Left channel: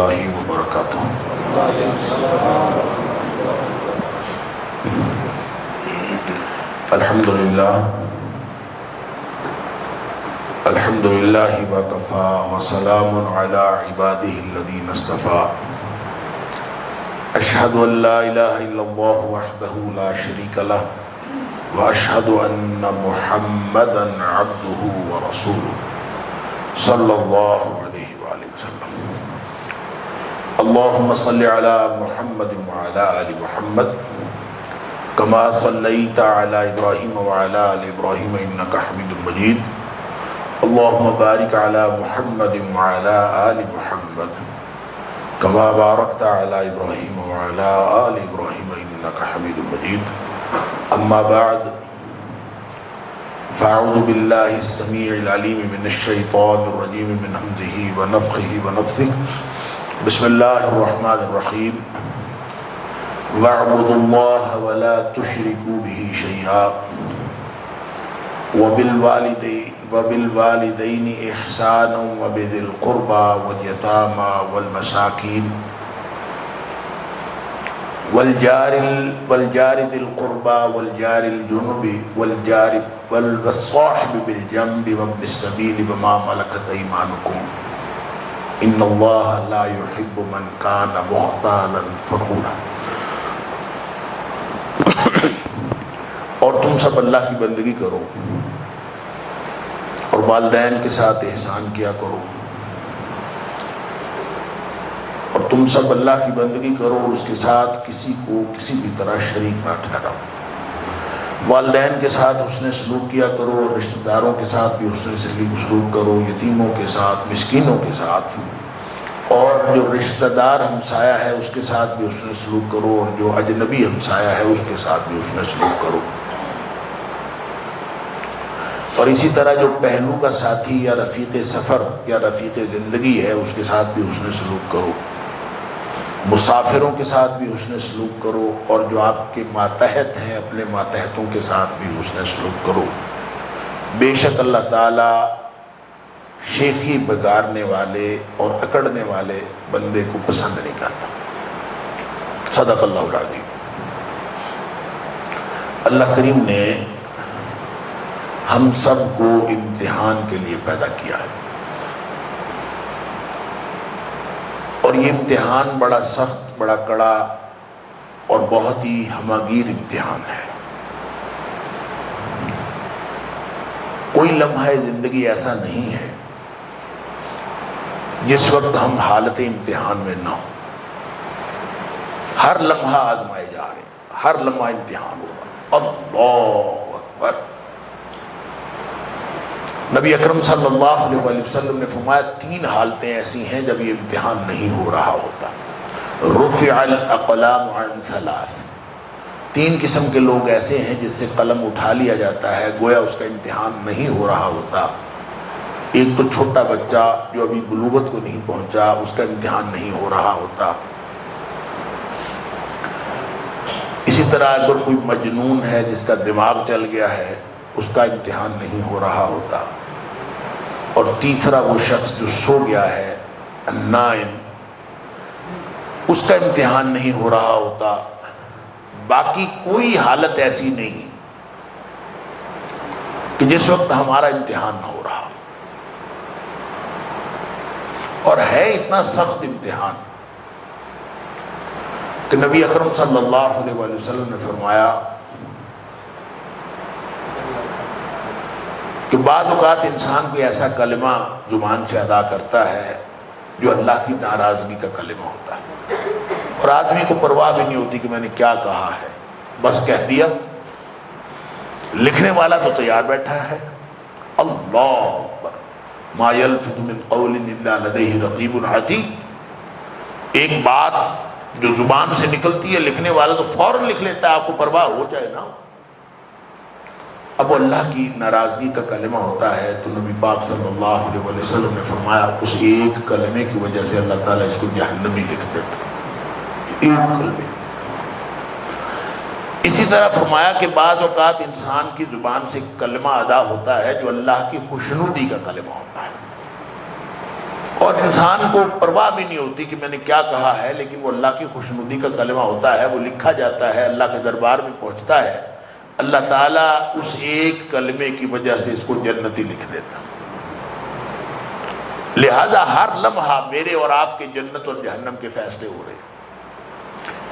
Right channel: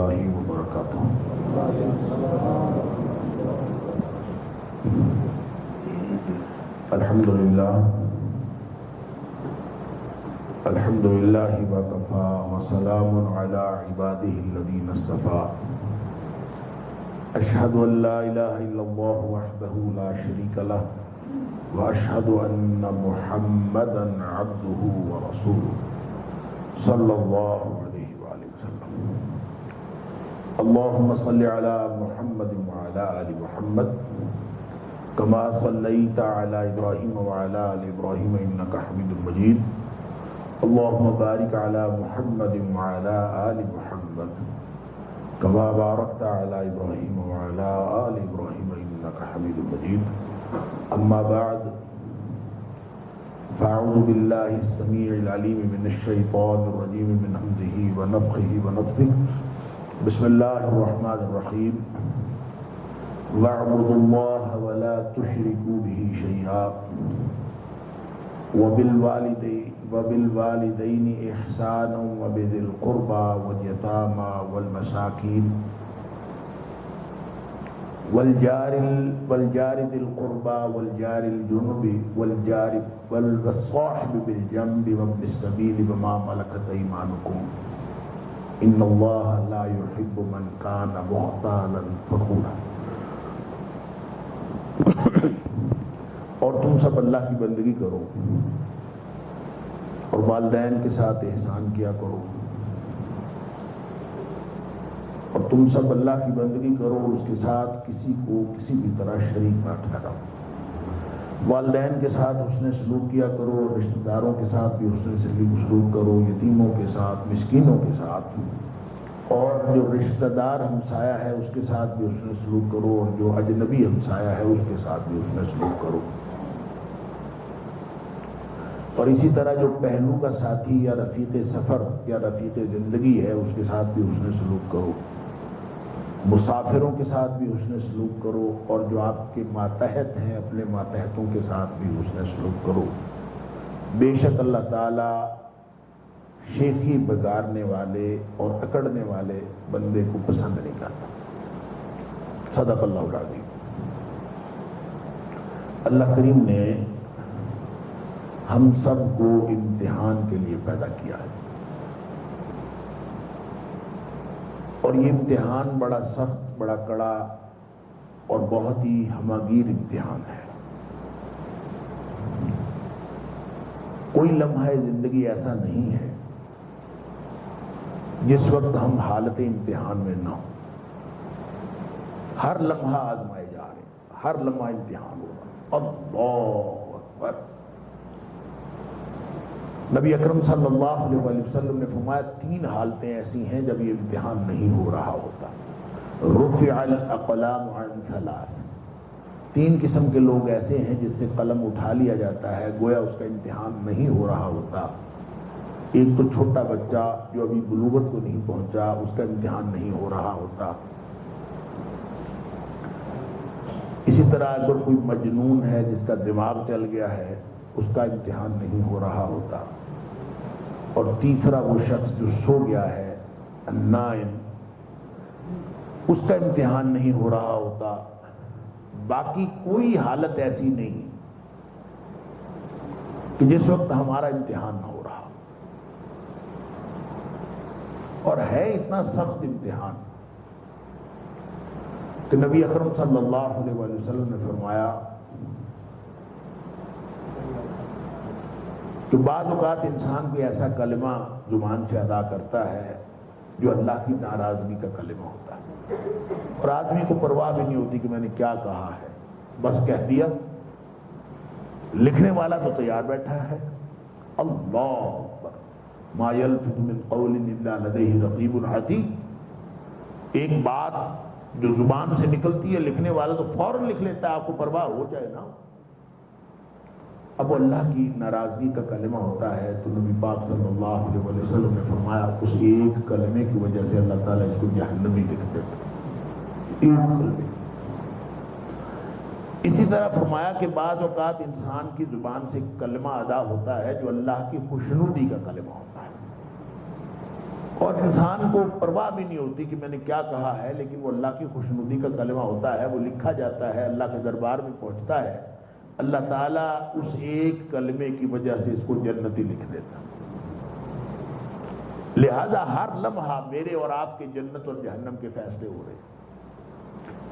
اللہ وبرکاتہ۔ الحمدللہ وکفا وسلام علی عبادہ الذین اصطفیٰ۔ اشہد ان لا الہ الا اللہ وحدہ لا شریک لہ واشہد ان محمدا عبدہ ورسولہ صلی اللہ علیہ وآلہ وسلم۔ اللہم صلی علی محمد وعلی آل محمد کما صلیت علی ابراہیم وعلی آل ابراہیم انک حمید مجید۔ اللہم بارک علی محمد وعلی آل محمد کما بارکت علی ابراہیم وعلی آل ابراہیم انک حمید مجید۔ اما بعد فاعوذ باللہ السمیع العلیم من الشیطان الرجیم من ہمزہ ونفخہ ونفثہ۔ بسم اللہ الرحمن الرحیم۔ وَاعْبُدُوا اللَّهَ وَلَا تُشْرِكُوا بِهِ شَيْئًا وَبِالْوَالِدَيْنِ إِحْسَانًا وَبِذِي الْقُرْبَى وَالْيَتَامَى وَالْمَسَاكِينِ والجار ذي القربى والجار الجنب والصاحب بالجنب وابن السبيل وما ملكت أيمانكم إن الله لا يحب من كان مختالا فخورا۔ اور تم سب اللہ کی بندگی کرو اور والدین کے ساتھ احسان کیا کرو، اور تم سب اللہ کی بندگی کرو اور اس کے ساتھ کسی کو کسی بھی طرح شریک نہ ٹھہراؤ۔ والدین کے ساتھ حسن سلوک کیا کرو اور رشتہ داروں کے ساتھ بھی حسن سلوک کرو، یتیموں کے ساتھ، مسکینوں کے ساتھ، اور جو رشتہ دار ہمسایہ ہے اس کے ساتھ بھی حسن سلوک کرو، اور جو اجنبی ہمسایہ ہے اس کے ساتھ بھی حسن سلوک کرو۔ اور اسی طرح جو پہلو کا ساتھی یا رفیق سفر یا رفیق زندگی ہے اس کے ساتھ بھی حسن سلوک کرو، مسافروں کے ساتھ بھی حسن سلوک کرو، اور جو آپ کے ماتحت ہیں اپنے ماتحتوں کے ساتھ بھی حسن سلوک کرو۔ بے شک اللہ تعالیٰ شیخی بگارنے والے اور اکڑنے والے بندے کو پسند نہیں کرتا۔ صدق اللہ العظیم۔ اللہ کریم نے ہم سب کو امتحان کے لیے پیدا کیا ہے، اور یہ امتحان بڑا سخت، بڑا کڑا اور بہت ہی ہماگیر امتحان ہے۔ کوئی لمحہ زندگی ایسا نہیں ہے جس وقت ہم حالت امتحان میں نہ ہوں۔ ہر لمحہ آزمائے جا رہے ہیں، ہر لمحہ امتحان ہو رہا ہے۔ اللہ اکبر۔ نبی اکرم صلی اللہ علیہ وسلم نے فرمایا 3 حالتیں ایسی ہیں جب یہ امتحان نہیں ہو رہا ہوتا۔ رفع الاقلام عن 3، 3 قسم کے لوگ ایسے ہیں جس سے قلم اٹھا لیا جاتا ہے گویا اس کا امتحان نہیں ہو رہا ہوتا۔ ایک تو چھوٹا بچہ جو ابھی بلوغت کو نہیں پہنچا، اس کا امتحان نہیں ہو رہا ہوتا۔ اسی طرح اگر کوئی مجنون ہے جس کا دماغ چل گیا ہے، اس کا امتحان نہیں ہو رہا ہوتا۔ اور تیسرا وہ شخص جو سو گیا ہے، النائم، اس کا امتحان نہیں ہو رہا ہوتا۔ باقی کوئی حالت ایسی نہیں کہ جس وقت ہمارا امتحان نہ ہو رہا، اور ہے اتنا سخت امتحان کہ نبی اکرم صلی اللہ علیہ وسلم نے فرمایا کہ بعض اوقات انسان کوئی ایسا کلمہ زبان سے ادا کرتا ہے جو اللہ کی ناراضگی کا کلمہ ہوتا ہے، اور آدمی کو پرواہ بھی نہیں ہوتی کہ میں نے کیا کہا ہے، بس کہہ دیا۔ لکھنے والا تو تیار بیٹھا ہے، اللہ اکبر، ما یلفظ من قول الا لدیہ رقیب عتید۔ ایک بات جو زبان سے نکلتی ہے لکھنے والا تو فوراً لکھ لیتا ہے، آپ کو پرواہ ہو جائے نا۔ اب وہ اللہ کی ناراضگی کا کلمہ ہوتا ہے تو نبی پاک صلی اللہ علیہ وسلم نے فرمایا اس ایک کلمے کی وجہ سے اللہ تعالیٰ اس کو جہنمی لکھ دیتا، ایک کلمے۔ اسی طرح فرمایا کہ بعض اوقات انسان کی زبان سے کلمہ ادا ہوتا ہے جو اللہ کی خوشنودی کا کلمہ ہوتا ہے، اور انسان کو پرواہ بھی نہیں ہوتی کہ میں نے کیا کہا ہے، لیکن وہ اللہ کی خوشنودی کا کلمہ ہوتا ہے، وہ لکھا جاتا ہے، اللہ کے دربار میں پہنچتا ہے، اللہ تعالیٰ اس ایک کلمے کی وجہ سے اس کو جنتی لکھ دیتا۔ لہٰذا ہر لمحہ میرے اور آپ کے جنت اور جہنم کے فیصلے ہو رہے ہیں،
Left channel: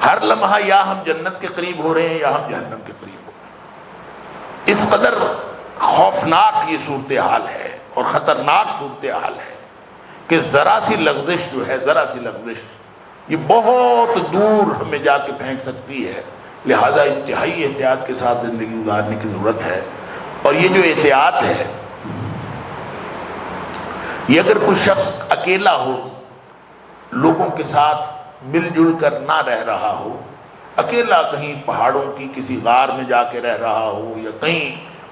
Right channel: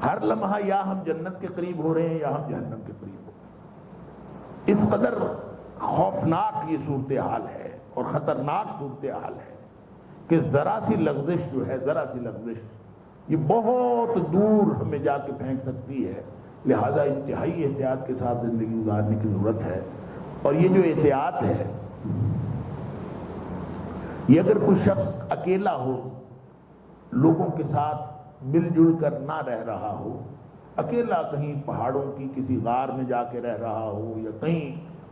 ہر لمحہ یا ہم جنت کے قریب ہو رہے ہیں یا ہم جہنم کے قریب ہو رہے ہیں۔ اس قدر خوفناک یہ صورتحال ہے اور خطرناک صورتحال ہے کہ ذرا سی لغزش جو ہے، ذرا سی لغزش یہ بہت دور ہمیں جا کے پھینک سکتی ہے۔ لہٰذا انتہائی احتیاط کے ساتھ زندگی گزارنے کی ضرورت ہے۔ اور یہ جو احتیاط ہے، یہ اگر کوئی شخص اکیلا ہو، لوگوں کے ساتھ مل جل کر نہ رہ رہا ہو، اکیلا کہیں پہاڑوں کی کسی غار میں جا کے رہ رہا ہو، یا کہیں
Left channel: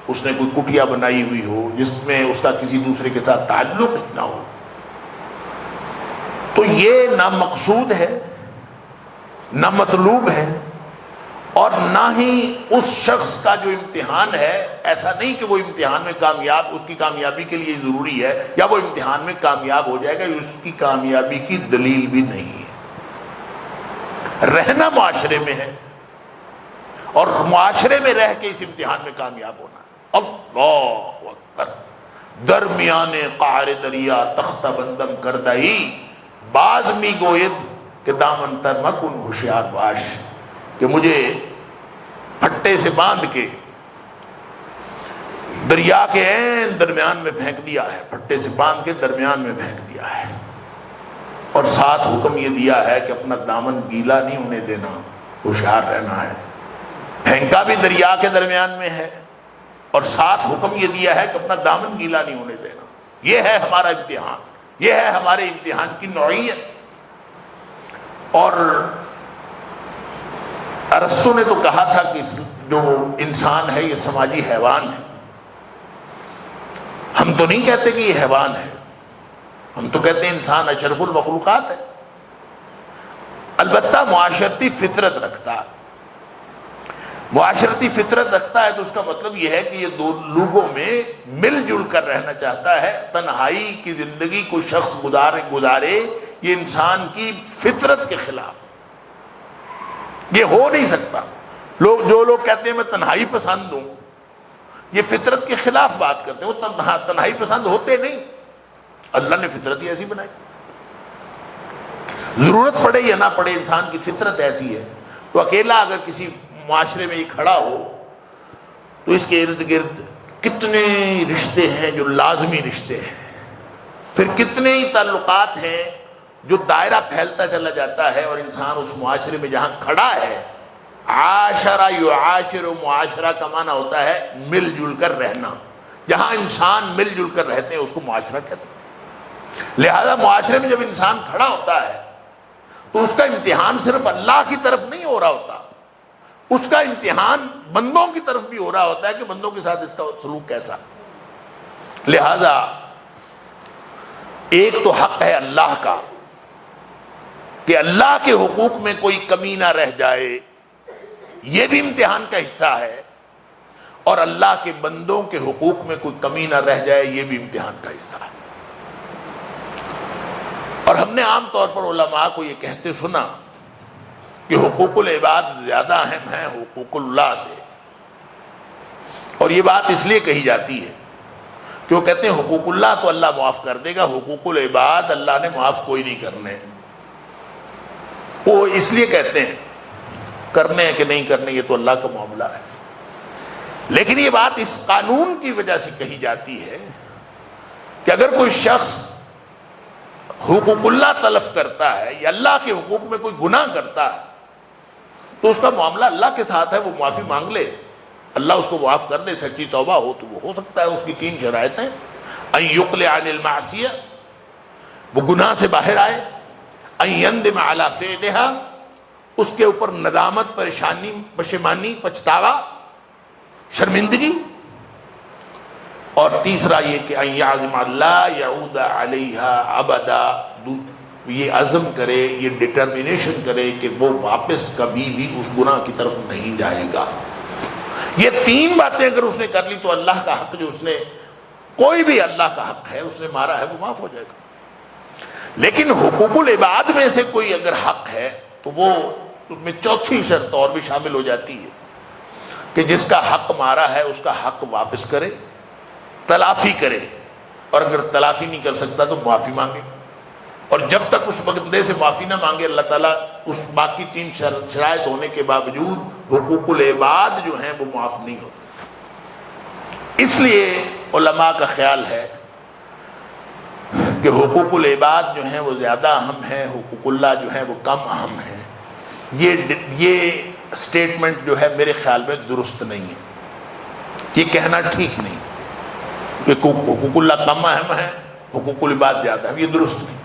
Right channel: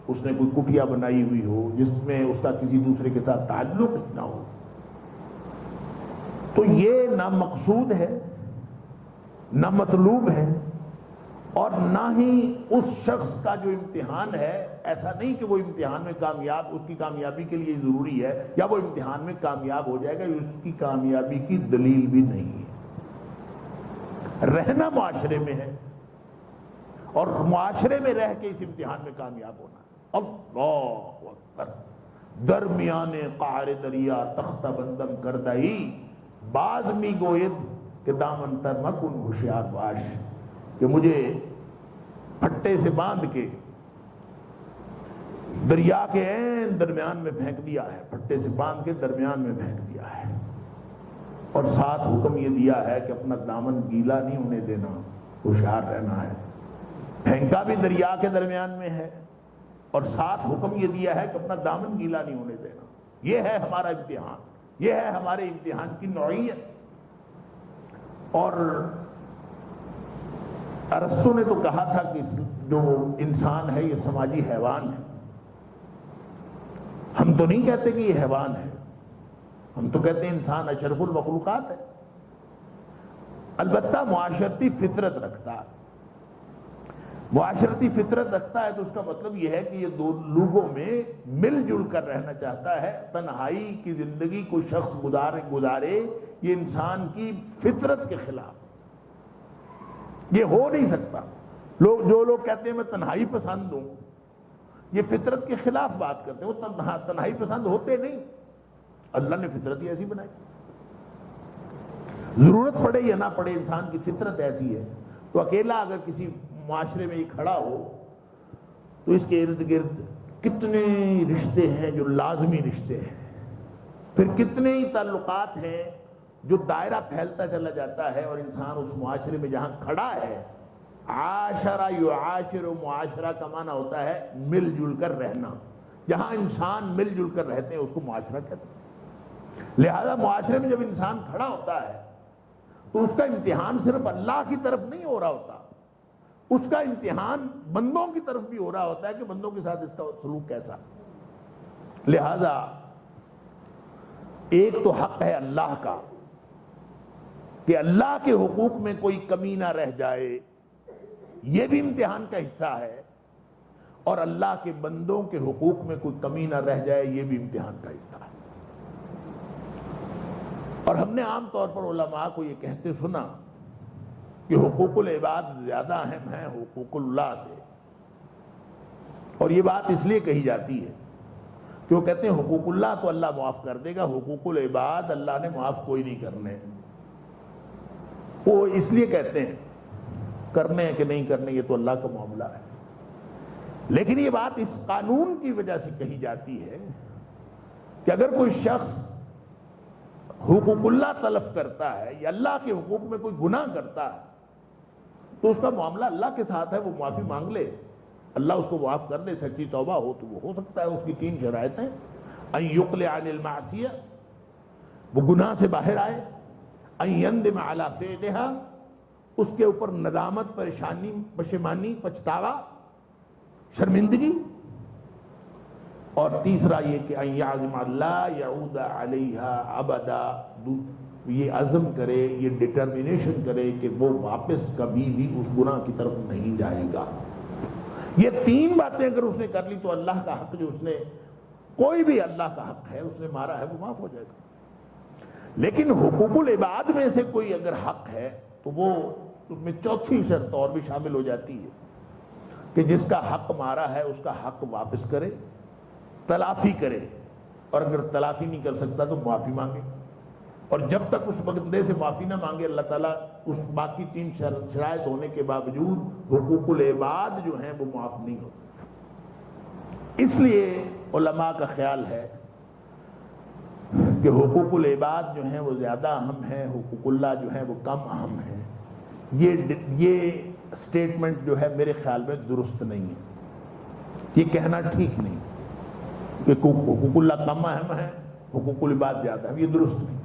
اس نے کوئی کٹیا بنائی ہوئی ہو جس میں اس کا کسی دوسرے کے ساتھ تعلق ہی نہ ہو، تو یہ نہ مقصود ہے، نہ مطلوب ہے، اور نہ ہی اس شخص کا جو امتحان ہے، ایسا نہیں کہ وہ امتحان میں کامیاب، اس کی کامیابی کے لیے ضروری ہے یا وہ امتحان میں کامیاب ہو جائے گا، اس کی کامیابی کی دلیل بھی نہیں ہے۔ رہنا معاشرے میں ہے اور معاشرے میں رہ کے اس امتحان میں کامیاب ہونا ہے۔ اللہ اکبر۔ درمیان قعر دریا تختہ بندم کردئی، باز می گوید کہ دامن تر مکن ہوشیار باش، کہ مجھے پھٹے سے باندھ کے دریا کے عین درمیان میں پھینک دیا ہے، پھٹے سے باندھ کے درمیان میں پھینک دیا ہے، اور ساتھ حکم یہ دیا ہے کہ اپنا دامن گیلا نہیں ہونے دینا، ہوشیار رہنا ہے۔ پھینکا بھی دریا کے درمیان میں ہے اور ساتھ حکم یہ دیا ہے کہ اپنا دامن گیلا نہیں ہونے دینا۔ یہ ہے ہمارا امتحان، یہ ہے ہمارے امتحان کی نوعیت۔ اور ارسطو نے تو کہا تھا کہ جو انسان ہے یہ سماجی حیوان ہے۔ ہم تو نہیں کہتے کہ یہ حیوان ہے، ہم تو کہتے ہیں انسان اشرف المخلوقات ہے، البتہ معاشرتی فطرت رکھتا ہے۔ معاشرتی فطرت رکھتا ہے تو اس کا مطلب یہ ہے کہ یہ دو لوگوں میں مل جل کر رہنا چاہتا ہے۔ تنہائی کی زندگی کوئی شخص گزارے یہ انسان کی فطرت کے خلاف، یہ ہو نہیں سکتا۔ جو لوگ کہتے ہیں میں تنہائی پسند ہوں، یہ فطرت کے خلاف بات کرتے ہیں، وہ تنہائی پسند ہوتے نہیں، اللہ نے فطرت ہی ایسی بنائی۔ ضرورت پڑے یا نہ پڑے انسان کی فطرت ایسی ہے۔ تو اکیلا اگر کسی معاشرے میں یہ کھڑا ہو تو اس کے ارد گرد کتنے رشتے ہیں جو لازمی رشتے ہیں، پھر کتنے ہی تعلقات ہیں جو دائرہ پھیلتا چلا جاتا ہے، اور انسان اس معاشرے میں جہاں کھڑا ہے، عاشرہ یعاشر، معاشرہ کا معنی ہوتا ہے مل جل کر رہنا، جہاں انسان مل جل کر رہتے ہیں اس کو معاشرہ کہتے ہیں۔ لہذا معاشرے میں جب انسان کھڑا ہوتا ہے تو اس کا امتحان صرف اللہ کی طرف نہیں ہو رہا ہوتا، اس کا امتحان بندوں کی طرف بھی ہو رہا ہوتا ہے کہ بندوں کے ساتھ اس کا سلوک کیسا۔ لہذا ایک تو حق ہے اللہ کا کہ اللہ کے حقوق میں کوئی کمی نہ رہ جائے، یہ بھی امتحان کا حصہ ہے، اور اللہ کے بندوں کے حقوق میں کوئی کمی نہ رہ جائے، یہ بھی امتحان کا حصہ ہے۔ اور ہم نے عام طور پر علماء کو یہ کہتے سنا کہ حقوق العباد زیادہ اہم ہیں حقوق اللہ سے، اور یہ بات اس لیے کہی جاتی ہے کہ وہ کہتے ہیں حقوق اللہ تو اللہ معاف کر دے گا، حقوق العباد اللہ نے معاف کوئی نہیں کرنے۔ وہ اس لیے کہتے ہیں، کرنے ہیں کہ نہیں کرنے یہ تو اللہ کا معاملہ ہے، لیکن یہ بات اس قانون کی وجہ سے کہی جاتی ہے کہ اگر کوئی شخص حقوق اللہ تلف کرتا ہے یا اللہ کے حقوق میں کوئی گناہ کرتا ہے تو اس کا معاملہ اللہ کے ساتھ ہے، وہ معافی مانگ لے، اللہ اس کو معاف کر دے، سچی توبہ ہو تو وہ ہو سکتا ہے۔ اس کی 3 شرائط ہیں: ان یقلع عن المعصیہ، وہ گناہ سے باہر آئے، ان یندم علی فعلها، اس کے اوپر ندامت، پریشانی، پشیمانی، پچھتاوا، شرمندگی، اور تیسرا یہ کہ ان یعزم لا یعود علیہا ابدا، یہ عزم کرے، یہ ڈٹرمنیشن کرے کہ وہ واپس کبھی بھی اس گناہ کی طرف نہیں جائے گا۔ یہ 3 باتیں اگر اس نے کر لی تو اللہ کا حق جو اس نے، کوئی بھی اللہ کا حق ہے اس نے مارا ہے، وہ معاف ہو جائے گا۔ لیکن حقوق العباد میں سے کوئی اگر حق ہے تو وہ اس میں چوتھی شرط اور بھی شامل ہو جاتی ہے کہ جس کا حق مارا ہے اس کا حق واپس کرے، تلافی کرے، اور اگر تلافی نہیں کر سکتا تو معافی مانگے، اور جب تک اس بندے سے معافی نہ مانگے اللہ تعالیٰ اس باقی 3 شرائط ہونے کے باوجود حقوق العباد جو ہیں وہ معاف نہیں ہوتے۔ اس لیے علماء کا خیال ہے کہ حقوق العباد جو ہیں وہ زیادہ اہم ہیں، حقوق اللہ جو ہیں وہ کم اہم ہیں۔ یہ سٹیٹمنٹ جو ہے میرے خیال میں درست نہیں ہے، یہ کہنا ٹھیک نہیں کہ حقوق اللہ کم اہم ہے، حقوق العباد زیادہ اہم، یہ درست نہیں۔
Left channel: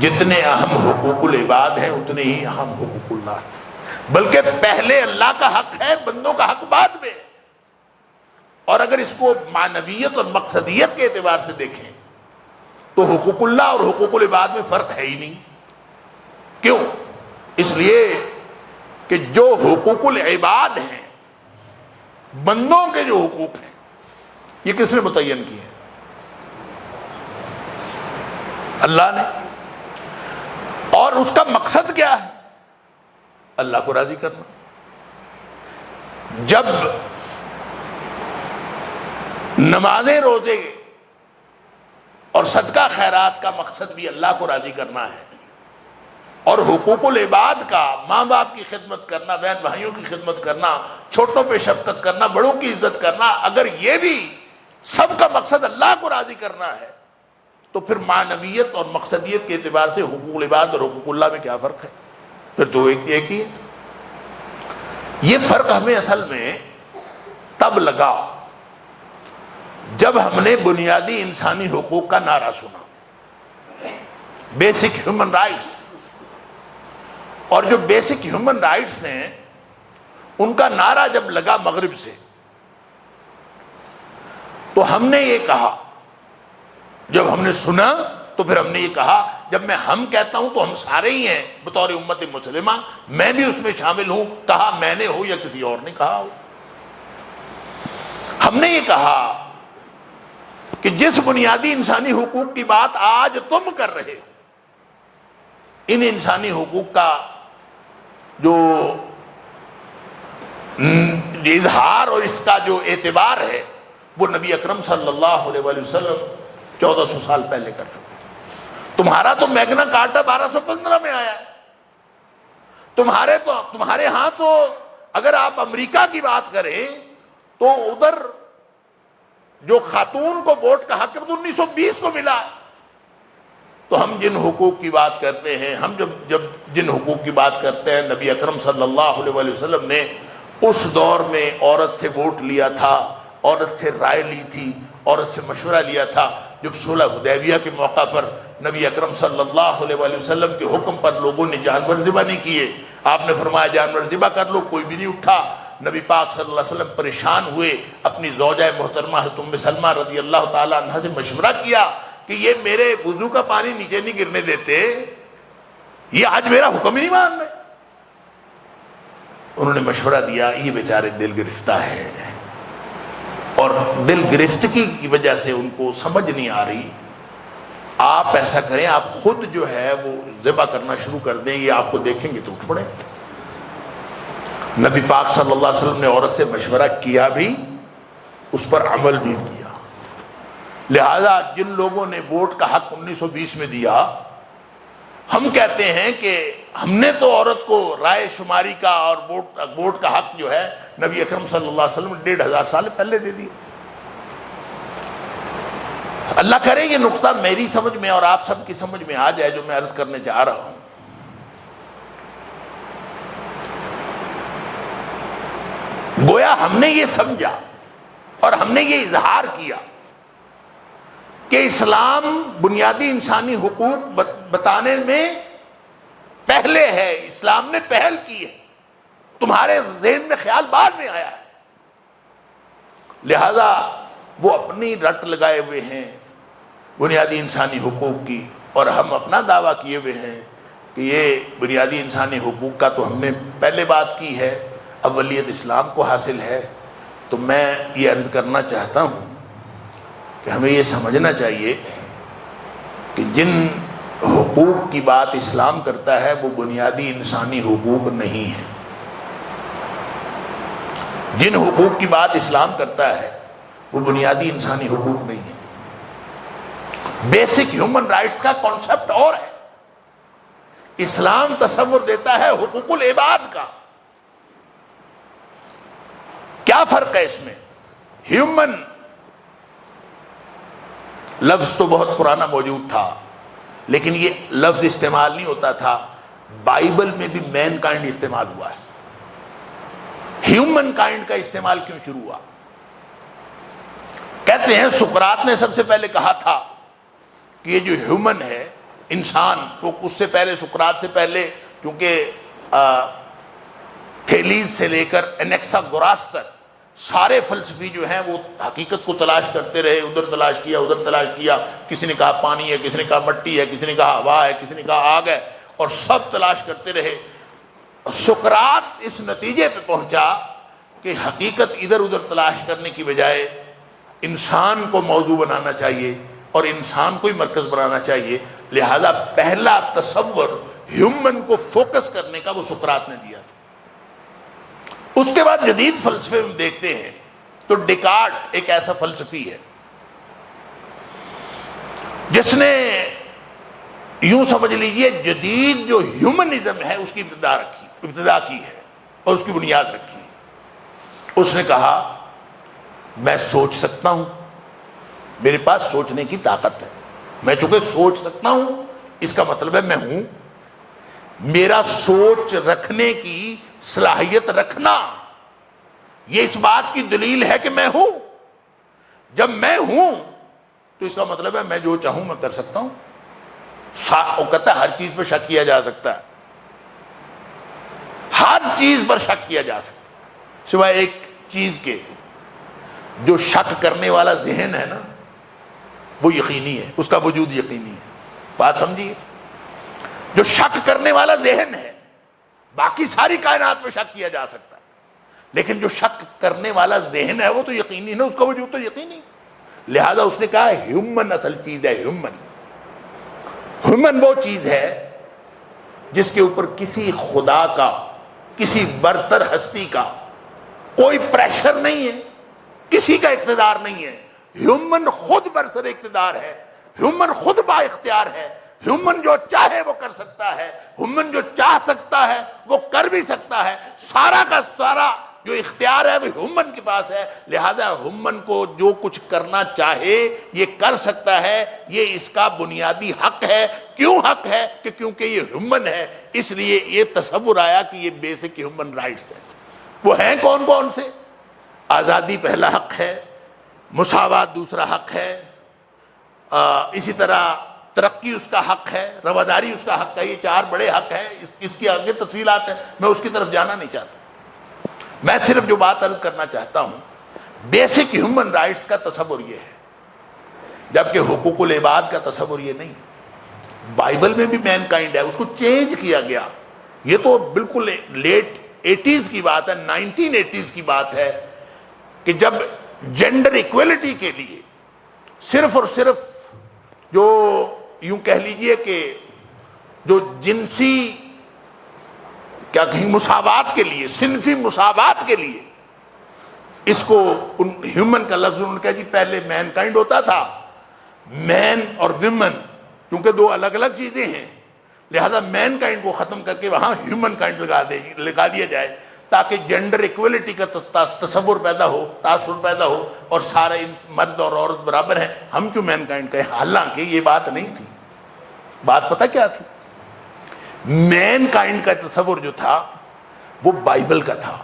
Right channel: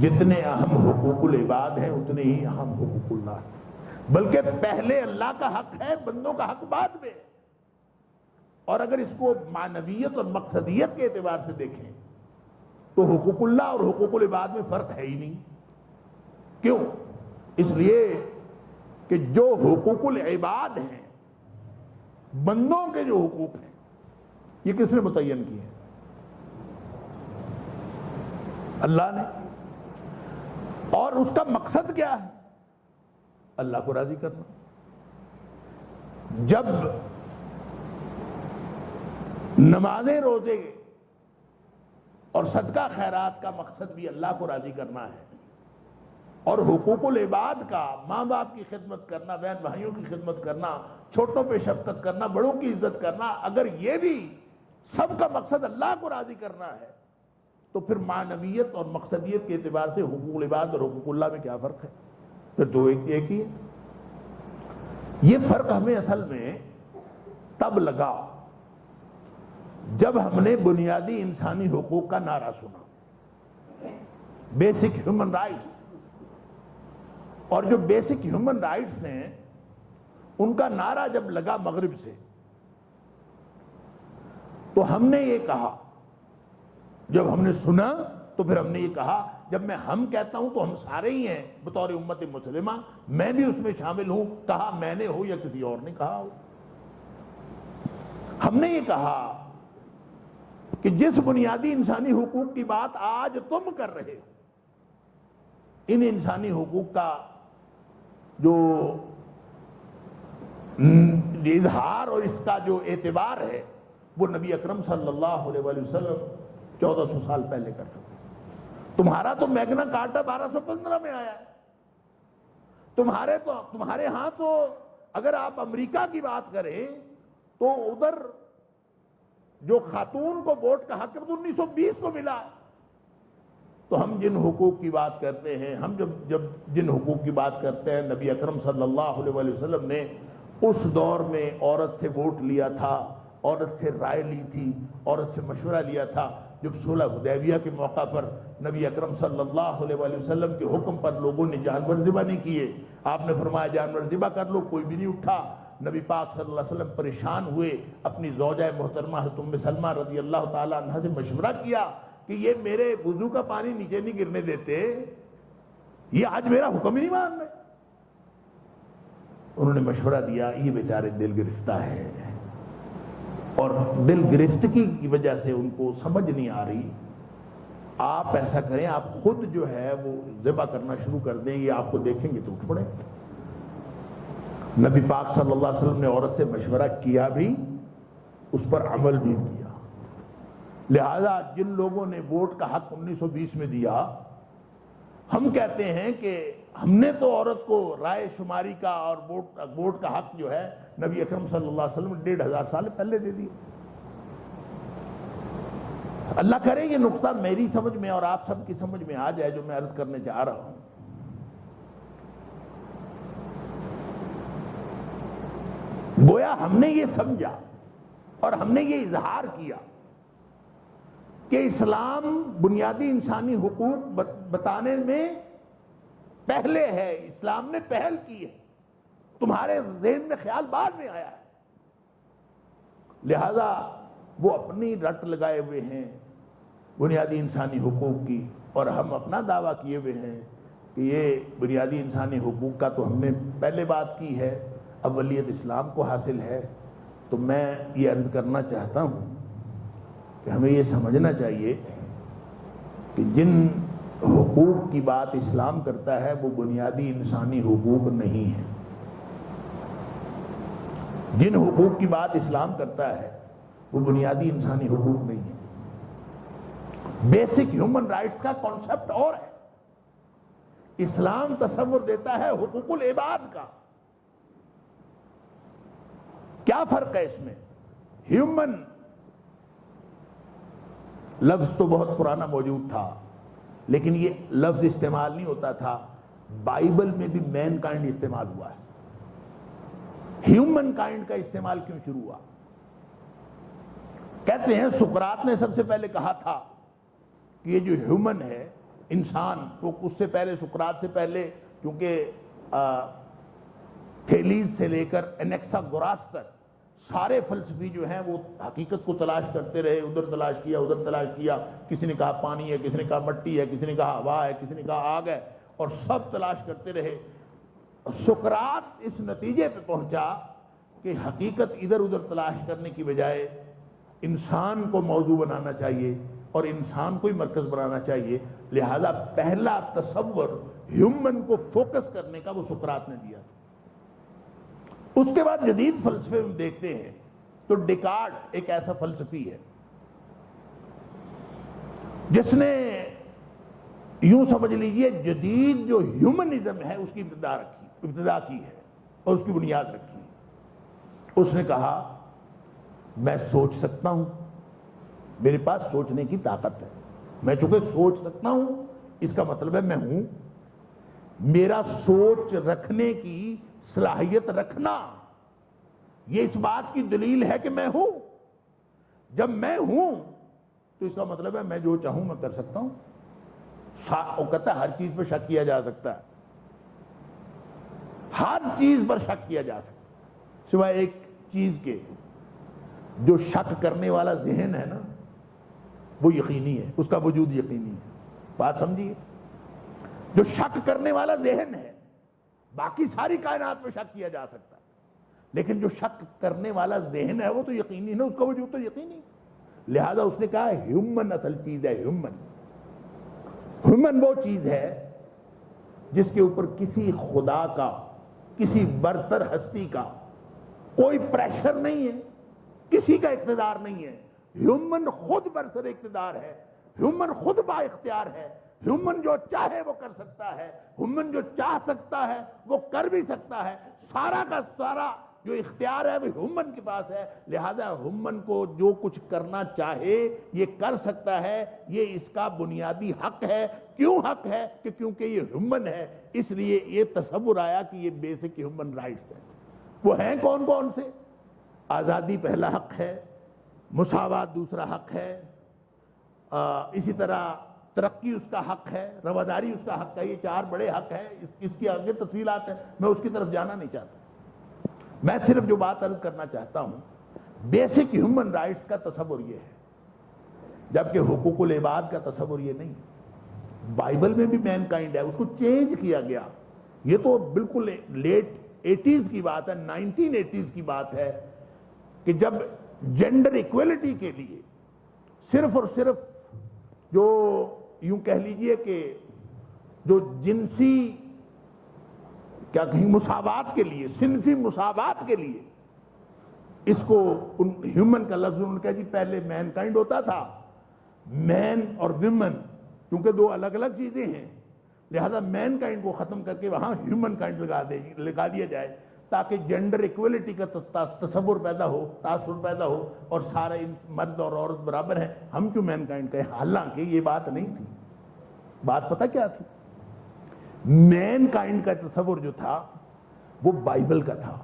جتنے اہم حقوق العباد ہیں اتنے ہی اہم حقوق اللہ ہیں، بلکہ پہلے اللہ کا حق ہے، بندوں کا حق بعد میں۔ اور اگر اس کو معنویت اور مقصدیت کے اعتبار سے دیکھیں تو حقوق اللہ اور حقوق العباد میں فرق ہے ہی نہیں۔ کیوں؟ اس لیے کہ جو حقوق العباد ہیں، بندوں کے جو حقوق ہیں، یہ کس نے متعین کیے ہیں؟ اللہ نے۔ اور اس کا مقصد کیا ہے؟ اللہ کو راضی کرنا۔ جب نمازیں، روزے اور صدقہ خیرات کا مقصد بھی اللہ کو راضی کرنا ہے، اور حقوق العباد کا ماں باپ کی خدمت کرنا، بہن بھائیوں کی خدمت کرنا، چھوٹوں پہ شفقت کرنا، بڑوں کی عزت کرنا، اگر یہ بھی سب کا مقصد اللہ کو راضی کرنا ہے تو پھر معنویت اور مقصدیت کے اعتبار سے حقوق العباد اور حقوق اللہ میں کیا فرق ہے؟ پھر تو ایک ہی ہے۔ یہ فرق ہمیں اصل میں تب لگا جب ہم نے بنیادی انسانی حقوق کا نعرہ سنا، بیسک ہیومن رائٹس۔ اور جو بیسک ہیومن رائٹس ہیں ان کا نعرہ جب لگا مغرب سے تو ہم نے یہ کہا، جب ہم نے سنا تو پھر ہم نے یہ کہا، جب میں ہم کہتا ہوں تو ہم سارے ہی ہیں بطور امت مسلمہ، میں بھی اس میں شامل ہوں، کہا میں نے ہو یا کسی اور نے کہا ہو۔ ہم نے یہ کہا کہ جس بنیادی انسانی حقوق کی بات آج تم کر رہے ہو، ان انسانی حقوق کا جو اظہار اور اس کا جو اعتبار ہے وہ نبی اکرم صلی اللہ علیہ وآلہ وسلم 1400 سال پہلے کر چکے۔ تمہارا تو میگنا کارٹا 1215 میں آیا ہے۔ تمہارے ہاں تو اگر آپ امریکہ کی بات کریں تو ادھر جو خاتون کو ووٹ کا حق ہے تو 1920 کو ملا ہے۔ تو ہم جن حقوق کی بات کرتے ہیں، ہم جب جن حقوق کی بات کرتے ہیں، نبی اکرم صلی اللہ علیہ وآلہ وسلم نے اس دور میں عورت سے ووٹ لیا تھا، عورت سے رائے لی تھی، عورت سے مشورہ لیا تھا۔ جب صلح حدیبیہ کے موقع پر نبی اکرم صلی اللہ علیہ وآلہ وسلم کے حکم پر لوگوں نے جانور ذبح نہیں کیے، آپ نے فرمایا جانور ذبح کر لو، کوئی بھی نہیں اٹھا۔ نبی پاک صلی اللہ علیہ وسلم پریشان ہوئے، اپنی زوجہ محترمہ حضرت ام سلمہ رضی اللہ تعالی عنہ سے مشورہ کیا کہ یہ میرے وضو کا پانی نیچے نہیں گرنے دیتے، یہ آج میرا حکم ہی نہیں مان رہے۔ انہوں نے مشورہ دیا، یہ بیچارے دل گرفتہ ہے، اور دل گرفتگی کی وجہ سے ان کو سمجھ نہیں آ رہی۔ آپ ایسا کریں، آپ خود جو ہے وہ ذبح کرنا شروع کر دیں، یہ آپ کو دیکھیں گے تو اٹھ پڑیں۔ نبی پاک صلی اللہ علیہ وسلم نے عورت سے مشورہ کیا بھی، اس پر عمل بھی کیا۔ لہذا جن لوگوں نے ووٹ کا حق 1920 میں دیا، ہم کہتے ہیں کہ ہم نے تو عورت کو رائے شماری کا اور ووٹ کا حق جو ہے نبی اکرم صلی اللہ علیہ وسلم 1500 سال پہلے دے دی۔ اللہ کرے یہ نقطہ میری سمجھ میں اور آپ سب کی سمجھ میں آ جائے جو میں عرض کرنے جا رہا ہوں۔ گویا ہم نے یہ سمجھا اور ہم نے یہ اظہار کیا کہ اسلام بنیادی انسانی حقوق بتانے میں پہلے ہے، اسلام نے پہل کی ہے، تمہارے ذہن میں خیال بعد میں آیا ہے۔ لہذا وہ اپنی رٹ لگائے ہوئے ہیں بنیادی انسانی حقوق کی، اور ہم اپنا دعویٰ کیے ہوئے ہیں کہ یہ بنیادی انسانی حقوق کا تو ہم نے پہلے بات کی ہے، اولیت اسلام کو حاصل ہے۔ تو میں یہ عرض کرنا چاہتا ہوں کہ ہمیں یہ سمجھنا چاہیے کہ جن حقوق کی بات اسلام کرتا ہے وہ بنیادی انسانی حقوق نہیں ہے. جن حقوق کی بات اسلام کرتا ہے وہ بنیادی انسانی حقوق نہیں ہے. بیسک ہیومن رائٹس کا کانسیپٹ اور ہے. اسلام تصور دیتا ہے حقوق العباد کا. کیا فرق ہے اس میں؟ ہیومن لفظ تو بہت پرانا موجود تھا لیکن یہ لفظ استعمال نہیں ہوتا تھا. بائبل میں بھی مین کائنڈ استعمال ہوا ہے. ہیومن کائنڈ کا استعمال کیوں شروع ہوا؟ کہتے ہیں سقراط نے سب سے پہلے کہا تھا کہ یہ جو ہیومن ہے انسان، تو اس سے پہلے سقراط سے پہلے کیونکہ تھیلیز سے لے کر انیکساگوراس تک سارے فلسفی جو ہیں وہ حقیقت کو تلاش کرتے رہے. ادھر تلاش کیا ادھر تلاش کیا. کسی نے کہا پانی ہے، کسی نے کہا مٹی ہے، کسی نے کہا ہوا ہے، کسی نے کہا آگ ہے، اور سب تلاش کرتے رہے. سقراط اس نتیجے پہ پہنچا کہ حقیقت ادھر ادھر تلاش کرنے کی بجائے انسان کو موضوع بنانا چاہیے اور انسان کو ہی مرکز بنانا چاہیے. لہذا پہلا تصور ہیومن کو فوکس کرنے کا وہ سقراط نے دیا تھا. اس کے بعد جدید فلسفے میں دیکھتے ہیں تو ڈیکارٹ ایک ایسا فلسفی ہے جس نے یوں سمجھ لیجئے جدید جو ہیومنزم ہے اس کی ابتدا کی ہے اور اس کی بنیاد رکھی. اس نے کہا میں سوچ سکتا ہوں، میرے پاس سوچنے کی طاقت ہے. میں چونکہ سوچ سکتا ہوں اس کا مطلب ہے میں ہوں. میرا سوچ رکھنے کی صلاحیت رکھنا یہ اس بات کی دلیل ہے کہ میں ہوں. جب میں ہوں تو اس کا مطلب ہے میں جو چاہوں میں کر سکتا ہوں. وہ کہتا ہے ہر چیز پر شک کیا جا سکتا ہے، ہر چیز پر شک کیا جا سکتا ہے سوائے ایک چیز کے. جو شک کرنے والا ذہن ہے نا وہ یقینی ہے، اس کا وجود یقینی ہے. بات سمجھیے، جو شک کرنے والا ذہن ہے باقی ساری کائنات پہ شک کیا جا سکتا ہے لیکن جو شک کرنے والا ذہن ہے وہ تو یقینی ہے، اس کا وجود تو یقینی. لہذا اس نے کہا ہیومن اصل چیز ہے. ہیومن وہ چیز ہے جس کے اوپر کسی خدا کا، کسی برتر ہستی کا کوئی پریشر نہیں ہے، کسی کا اقتدار نہیں ہے. ہیومن خود برسر اقتدار ہے، ہیومن خود با اختیار ہے. ہیومن جو چاہے وہ کر سکتا ہے، ہیومن جو چاہ سکتا ہے وہ کر بھی سکتا ہے. سارا کا سارا جو اختیار ہے وہ ہیومن کے پاس ہے. لہذا ہیومن کو جو کچھ کرنا چاہے یہ کر سکتا ہے. یہ اس کا بنیادی حق ہے. کیوں حق ہے؟ کہ کیونکہ یہ ہیومن ہے، اس لیے یہ تصور آیا کہ یہ بیسک ہیومن رائٹس ہیں. وہ ہیں کون کون سے؟ آزادی پہلا حق ہے، مساوات دوسرا حق ہے، اسی طرح ترقی اس کا حق ہے، رواداری اس کا حق ہے. یہ چار بڑے حق ہیں. اس کی آگے تفصیلات ہیں، میں اس کی طرف جانا نہیں چاہتا. میں صرف جو بات عرض کرنا چاہتا ہوں بیسک ہیومن رائٹس کا تصور یہ ہے، جبکہ حقوق العباد کا تصور یہ نہیں. بائبل میں بھی مین کائنڈ ہے، اس کو چینج کیا گیا. یہ تو بالکل لیٹ 80s کی بات ہے، 1980s کی بات ہے کہ جب جینڈر ایکویلٹی کے لیے صرف اور صرف جو یوں کہہ لیجئے کہ جو جنسی کیا کہیں مساوات کے لیے، صنفی مساوات کے لیے اس کو ہیومن کا لفظ انہوں نے کہا جی پہلے مین کائنڈ ہوتا تھا. مین اور ویمن کیونکہ دو الگ الگ چیزیں ہیں لہذا مین کائنڈ کو ختم کر کے وہاں ہیومن کائنڈ لگا دیا جائے تاکہ جینڈر ایکویلٹی کا تصور پیدا ہو، تاثر پیدا ہو اور سارے مرد اور عورت برابر ہیں. ہم کیوں مین کائنڈ کہیں؟ حالانکہ یہ بات نہیں تھی. بات پتہ کیا تھی؟ مین کائنڈ کا تصور جو تھا وہ بائبل کا تھا.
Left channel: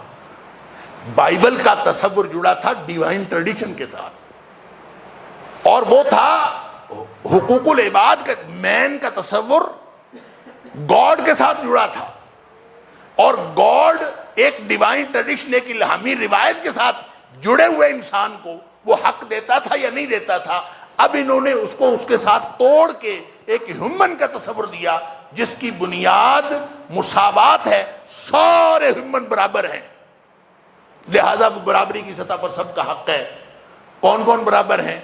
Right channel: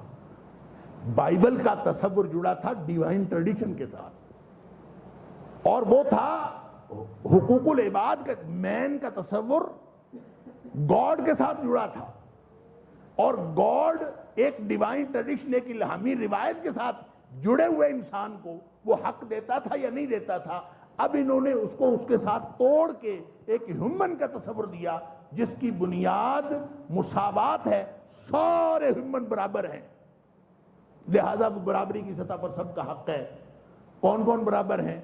بائبل کا تصور جڑا تھا ڈیوائن ٹریڈیشن کے ساتھ اور وہ تھا حقوق العباد کا. مین کا تصور گاڈ کے ساتھ جڑا تھا اور گاڈ ایک ڈیوائن ٹریڈیشن، ایک الہامی روایت کے ساتھ جڑے ہوئے انسان کو وہ حق دیتا تھا یا نہیں دیتا تھا. اب انہوں نے اس کو اس کے ساتھ توڑ کے ایک ہیومن کا تصور دیا جس کی بنیاد مساوات ہے. سارے ہیومن برابر ہیں لہذا وہ برابری کی سطح پر سب کا حق ہے. کون کون برابر ہیں؟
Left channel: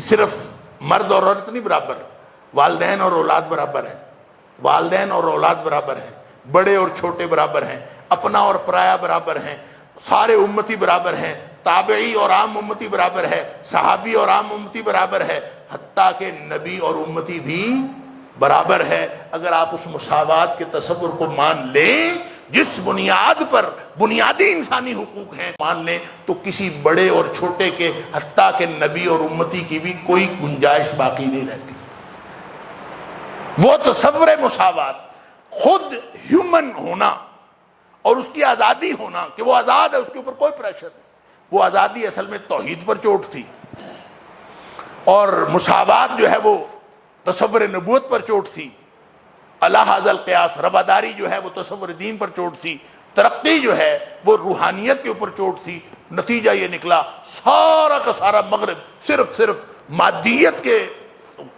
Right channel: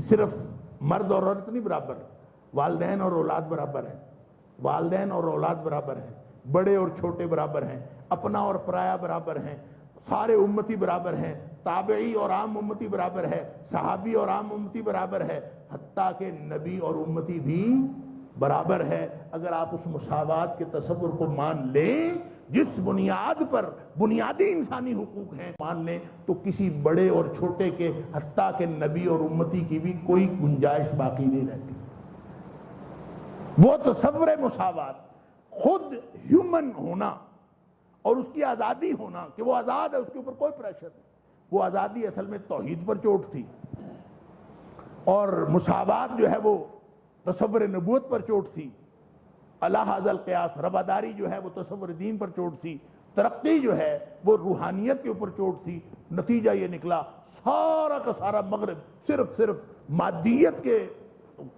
صرف مرد اور عورت نہیں برابر، والدین اور اولاد برابر ہیں، والدین اور اولاد برابر ہیں، بڑے اور چھوٹے برابر ہیں، اپنا اور پرایا برابر ہیں، سارے امتی برابر ہیں، تابعی اور عام امتی برابر ہے، صحابی اور عام امتی برابر ہے، حتیٰ کہ نبی اور امتی بھی برابر ہے۔ اگر آپ اس مساوات کے تصور کو مان لیں جس بنیاد پر بنیادی انسانی حقوق ہیں مان لیں، تو کسی بڑے اور چھوٹے کے حتیٰ کہ نبی اور امتی کی بھی کوئی گنجائش باقی نہیں رہتی۔ وہ تصور مساوات، خود ہیومن ہونا اور اس کی آزادی ہونا کہ وہ آزاد ہے، اس کے اوپر کوئی پریشر نہیں، وہ آزادی اصل میں توحید پر چوٹ تھی، اور مساوات جو ہے وہ تصور نبوت پر چوٹ تھی، الا ھذا القیاس رواداری جو ہے وہ تصور دین پر چوٹ تھی، ترقی جو ہے وہ روحانیت کے اوپر چوٹ تھی۔ نتیجہ یہ نکلا سارا کا سارا مغرب صرف مادیت کے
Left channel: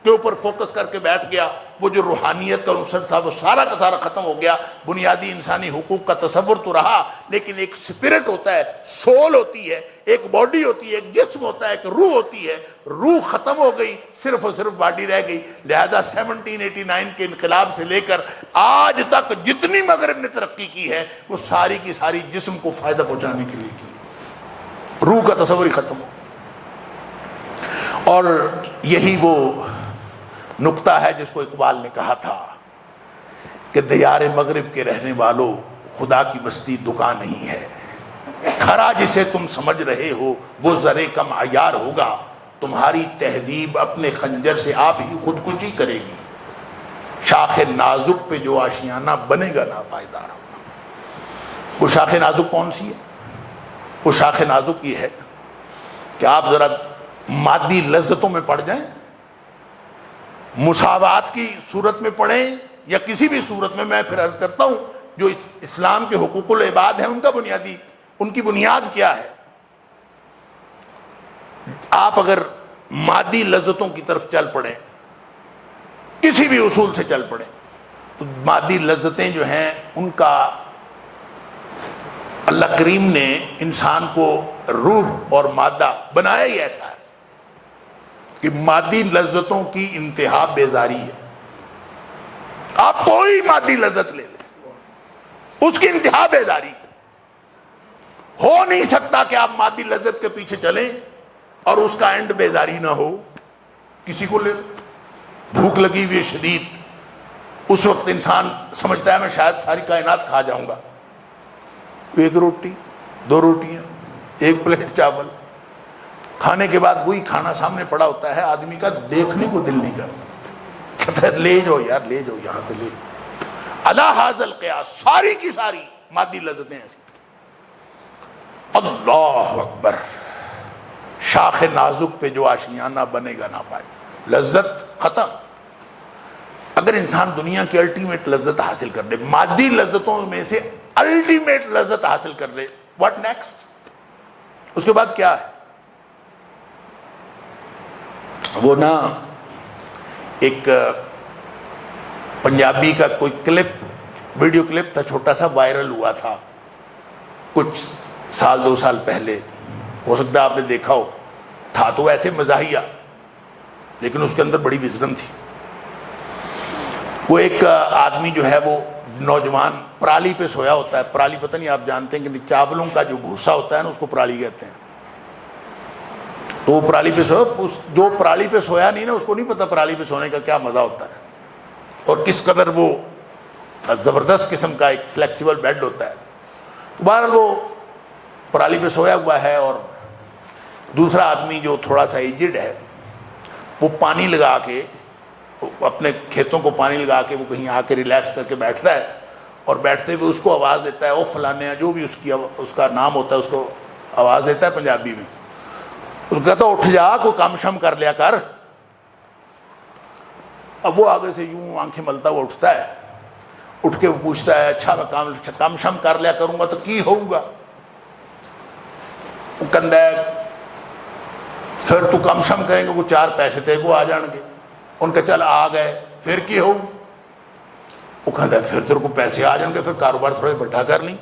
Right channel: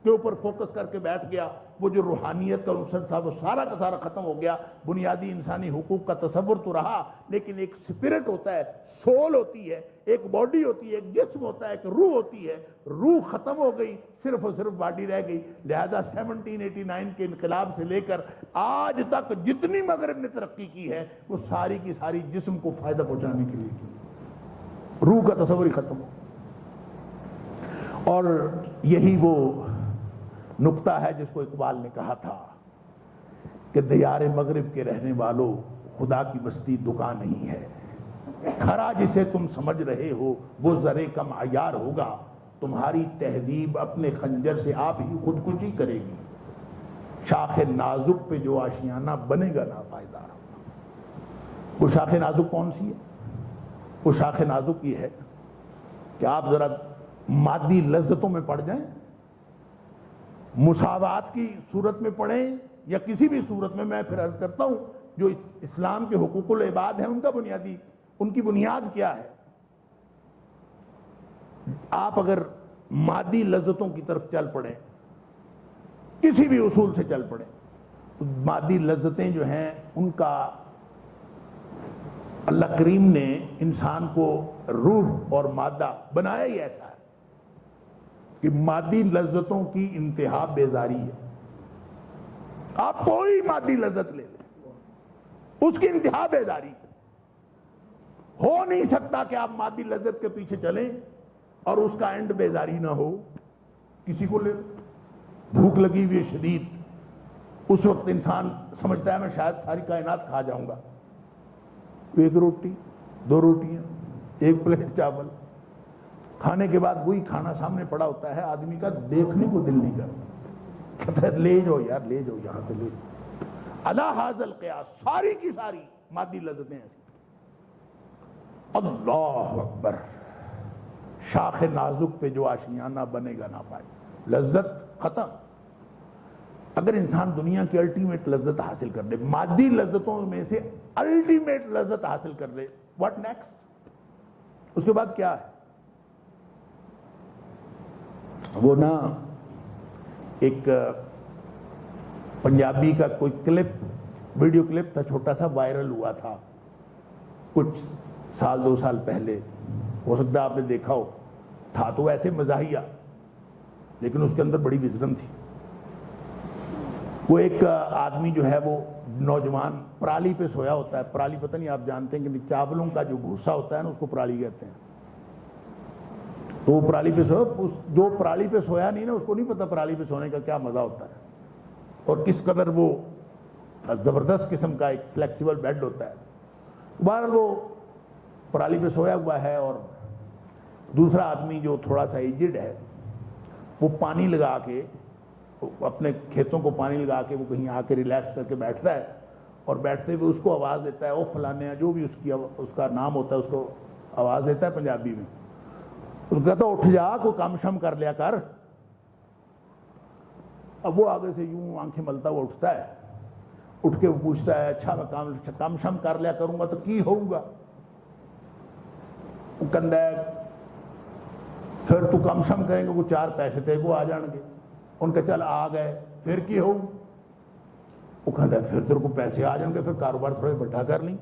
اوپر فوکس کر کے بیٹھ گیا، وہ جو روحانیت کا عنصر تھا وہ سارا کا سارا ختم ہو گیا۔ بنیادی انسانی حقوق کا تصور تو رہا، لیکن ایک سپرٹ ہوتا ہے، سول ہوتی ہے، ایک باڈی ہوتی ہے، ایک جسم ہوتا ہے، ایک روح ہوتی ہے، روح ختم ہو گئی، صرف اور صرف باڈی رہ گئی۔ لہذا 1789 کے انقلاب سے لے کر آج تک جتنی مغرب نے ترقی کی ہے وہ ساری کی ساری جسم کو فائدہ پہنچانے کے لیے کی، روح کا تصور ہی ختم ہو۔ اور یہی وہ نقطہ ہے جس کو اقبال نے کہا تھا کہ دیار مغرب کے رہنے والوں، خدا کی بستی دکان نہیں ہے، کھرا جسے تم سمجھ رہے ہو وہ ذرے کم عیار ہوگا، تمہاری تہذیب اپنے خنجر سے آپ ہی خودکشی کرے گی، شاخ نازک پہ جو آشیانہ بنے گا ناپائیدار ہوگا۔ وہ شاخ نازک کون سی ہے؟ وہ شاخ نازک یہ ہے کہ آپ ذرا مادی لذتوں میں پڑ جائیں، مساوات کی صورت میں پڑھیں یا کسی بھی صورت میں پھر عرض کرتا ہوں جو اسلام کے حقوق العباد ہیں ان کی بنیاد کیا ہے؟ آپ اگر مادی لذتوں کی طرف چل پڑیں، کسی بھی اصول سے چل پڑیں، تو مادی لذتیں جو ہیں ان کا اللہ کریم نے انسان کو روح اور مادہ بنایا ہی ایسا ہے کہ مادی لذتوں کی انتہا بیزاری ہے۔ آپ کوئی مادی لذت لے لیں، اس کی انتہا بیزاری ہے۔ ہو نہیں سکتا کہ آپ مادی لذت کے پیچھے چلیں اور اس کا اینڈ بیزاری نہ ہو۔ کسی کو لے بھوک لگی ہوئی شدید، اس وقت انسان سمجھتا ہے میں شاید ساری کائنات کھا جاؤں گا، ایک روٹی، دو روٹیاں، ایک پلیٹ چاول، کھانے کے بعد وہی کھانا سامنے پڑا ہوتا ہے، آدمی کا دیکھنے کو دل نہیں کرتا، کہتا ہے لے جاؤ یار، لے جاؤ یہاں سے لے۔ الا ھذا القیاس، ساری کی ساری مادی لذتیں ایسی۔ اللہ اکبر، شاخ نازک پہ جو آشیانہ بنے گا نہ پائے، لذت ختم۔ اگر انسان دنیا کی الٹیمیٹ لذت حاصل کر لے، مادی لذتوں میں سے الٹیمیٹ لذت حاصل کر لے، واٹ نیکسٹ؟ اس کے بعد کیا ہے؟ وہ نا ایک پنجابی کا کوئی کلپ، ویڈیو کلپ تھا، چھوٹا سا وائرل ہوا تھا کچھ سال 2 سال پہلے، ہو سکتا ہے آپ نے دیکھا ہو، تھا تو ایسے مزاحیہ لیکن اس کے اندر بڑی وزڈم تھی۔ وہ ایک آدمی جو ہے وہ نوجوان پرالی پہ سویا ہوتا ہے، پرالی پتہ نہیں آپ جانتے ہیں کہ چاولوں کا جو بھوسا ہوتا ہے نا اس کو پرالی کہتے ہیں، تو وہ پرالی پہ سویا، جو پرالی پہ سویا نہیں نا اس کو نہیں پتا پرالی پہ سونے کا کیا مزہ ہوتا ہے اور کس قدر وہ زبردست قسم کا ایک فلیکسیبل بیڈ ہوتا ہے۔ تو بہرحال وہ پرالی پہ سویا ہوا ہے اور دوسرا آدمی جو تھوڑا سا ایجڈ ہے وہ پانی لگا کے، اپنے کھیتوں کو پانی لگا کے وہ کہیں آ کے ریلیکس کر کے بیٹھتا ہے اور بیٹھتے ہوئے اس کو آواز دیتا ہے، او فلانے، جو بھی اس کا نام ہوتا ہے اس کو آواز دیتا ہے پنجابی میں، اس کو کہتا ہے اٹھ جا، کوئی کام شم کر لیا کر۔ اب وہ آگے سے یوں آنکھیں ملتا ہوا اٹھتا ہے، اٹھ کے وہ پوچھتا ہے اچھا میں کام شم کر لیا کروں گا تو کی ہوگا؟ وہ کہندا ہے پھر تو کام شم کریں گے کوئی 4 پیسے تے کو آ جان گے۔ ان کا چل آ گئے پھر کی ہو؟ وہ کہندا ہے پھر تیرے کو پیسے آ جان گے، پھر کاروبار تھوڑے بڑا کر لیں۔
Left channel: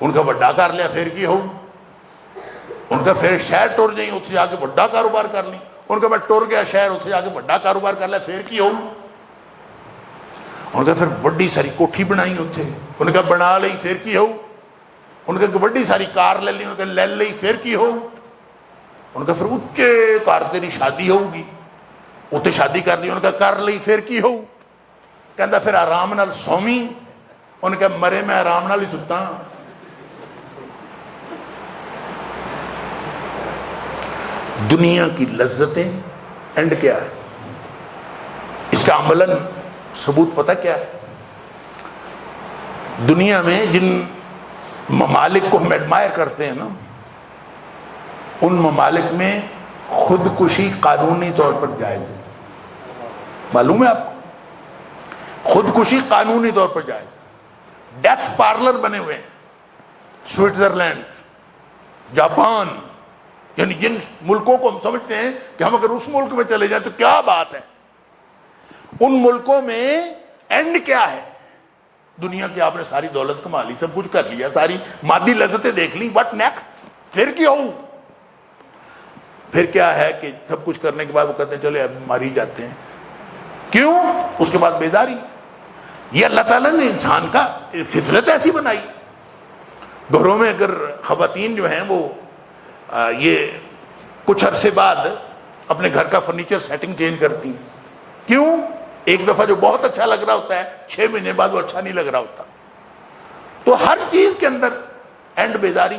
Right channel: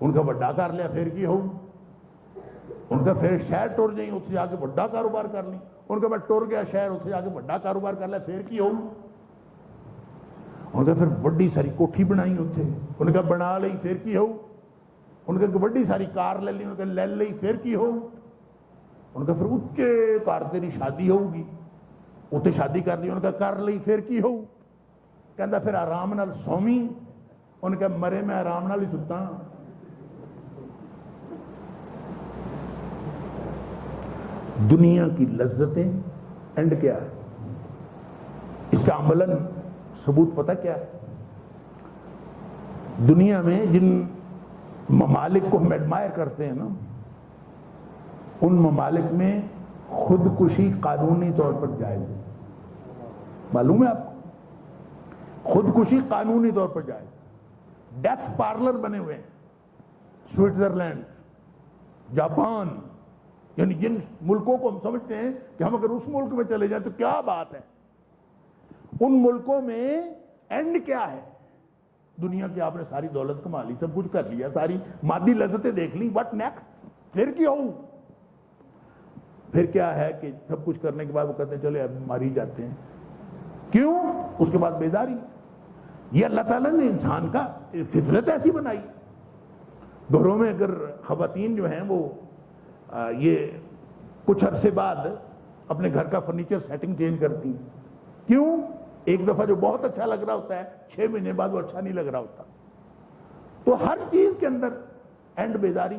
ان کا بڑا کر لیا پھر کی ہو؟ ان کا پھر شہر ٹر جائیں، اتنے جا کے بڑا کاروبار کر لیں۔ ان کا میں ٹر گیا شہر اتنے جا کے بڑا کاروبار کر لیا پھر کی ہو. ان کا پھر وڈی ساری کوٹھی بنائی اتنے. ان کا بنا لئی پھر کی ہو. ان کا وڈی ساری کار لے لی. ان کا لے لئی پھر کی ہو. ان کا پھر اچے کار تیری شادی ہوگی اتنے شادی کر لی. ان کا کر لی پھر کی ہو. کہندا پھر آرام نال سومی. ان کا مرے میں آرام نال ہی ستا. دنیا کی لذتیں اینڈ کیا ہے اس کا عملاً ثبوت پتہ کیا ہے؟ دنیا میں جن ممالک کو ہم ایڈمائر کرتے ہیں نا ان ممالک میں خودکشی قانونی طور پر جائز ہے. معلوم ہے آپ کو؟ خودکشی قانونی طور پر جائز ہے. ڈیتھ پارلر بنے ہوئے ہیں سوئٹزرلینڈ, جاپان, یعنی جن ملکوں کو ہم سمجھتے ہیں کہ ہم اگر اس ملک میں چلے جائیں تو کیا بات ہے, ان ملکوں میں اینڈ کیا ہے؟ دنیا کی آپ نے ساری دولت کما لی, سب کچھ کر لیا, ساری مادی لذتیں دیکھ لی, بٹ نیکسٹ پھر کیا ہو؟ پھر کیا ہے کہ سب کچھ کرنے کے بعد وہ کہتے ہیں چلے اب مار ہی جاتے ہیں. کیوں؟ اس کے بعد بیزاری. یہ اللہ تعالیٰ نے انسان کا فطرت ایسی بنائی. گھروں میں اگر خواتین جو ہیں وہ یہ کچھ عرصے بعد اپنے گھر کا فرنیچر سیٹنگ چینج کرتی ہیں. کیوں؟ ایک دفعہ جو بہت اچھا لگ رہا ہوتا ہے 6 مہینے بعد وہ اچھا نہیں لگ رہا ہوتا. تو ہر چیز کے اندر اینڈ بیزاری.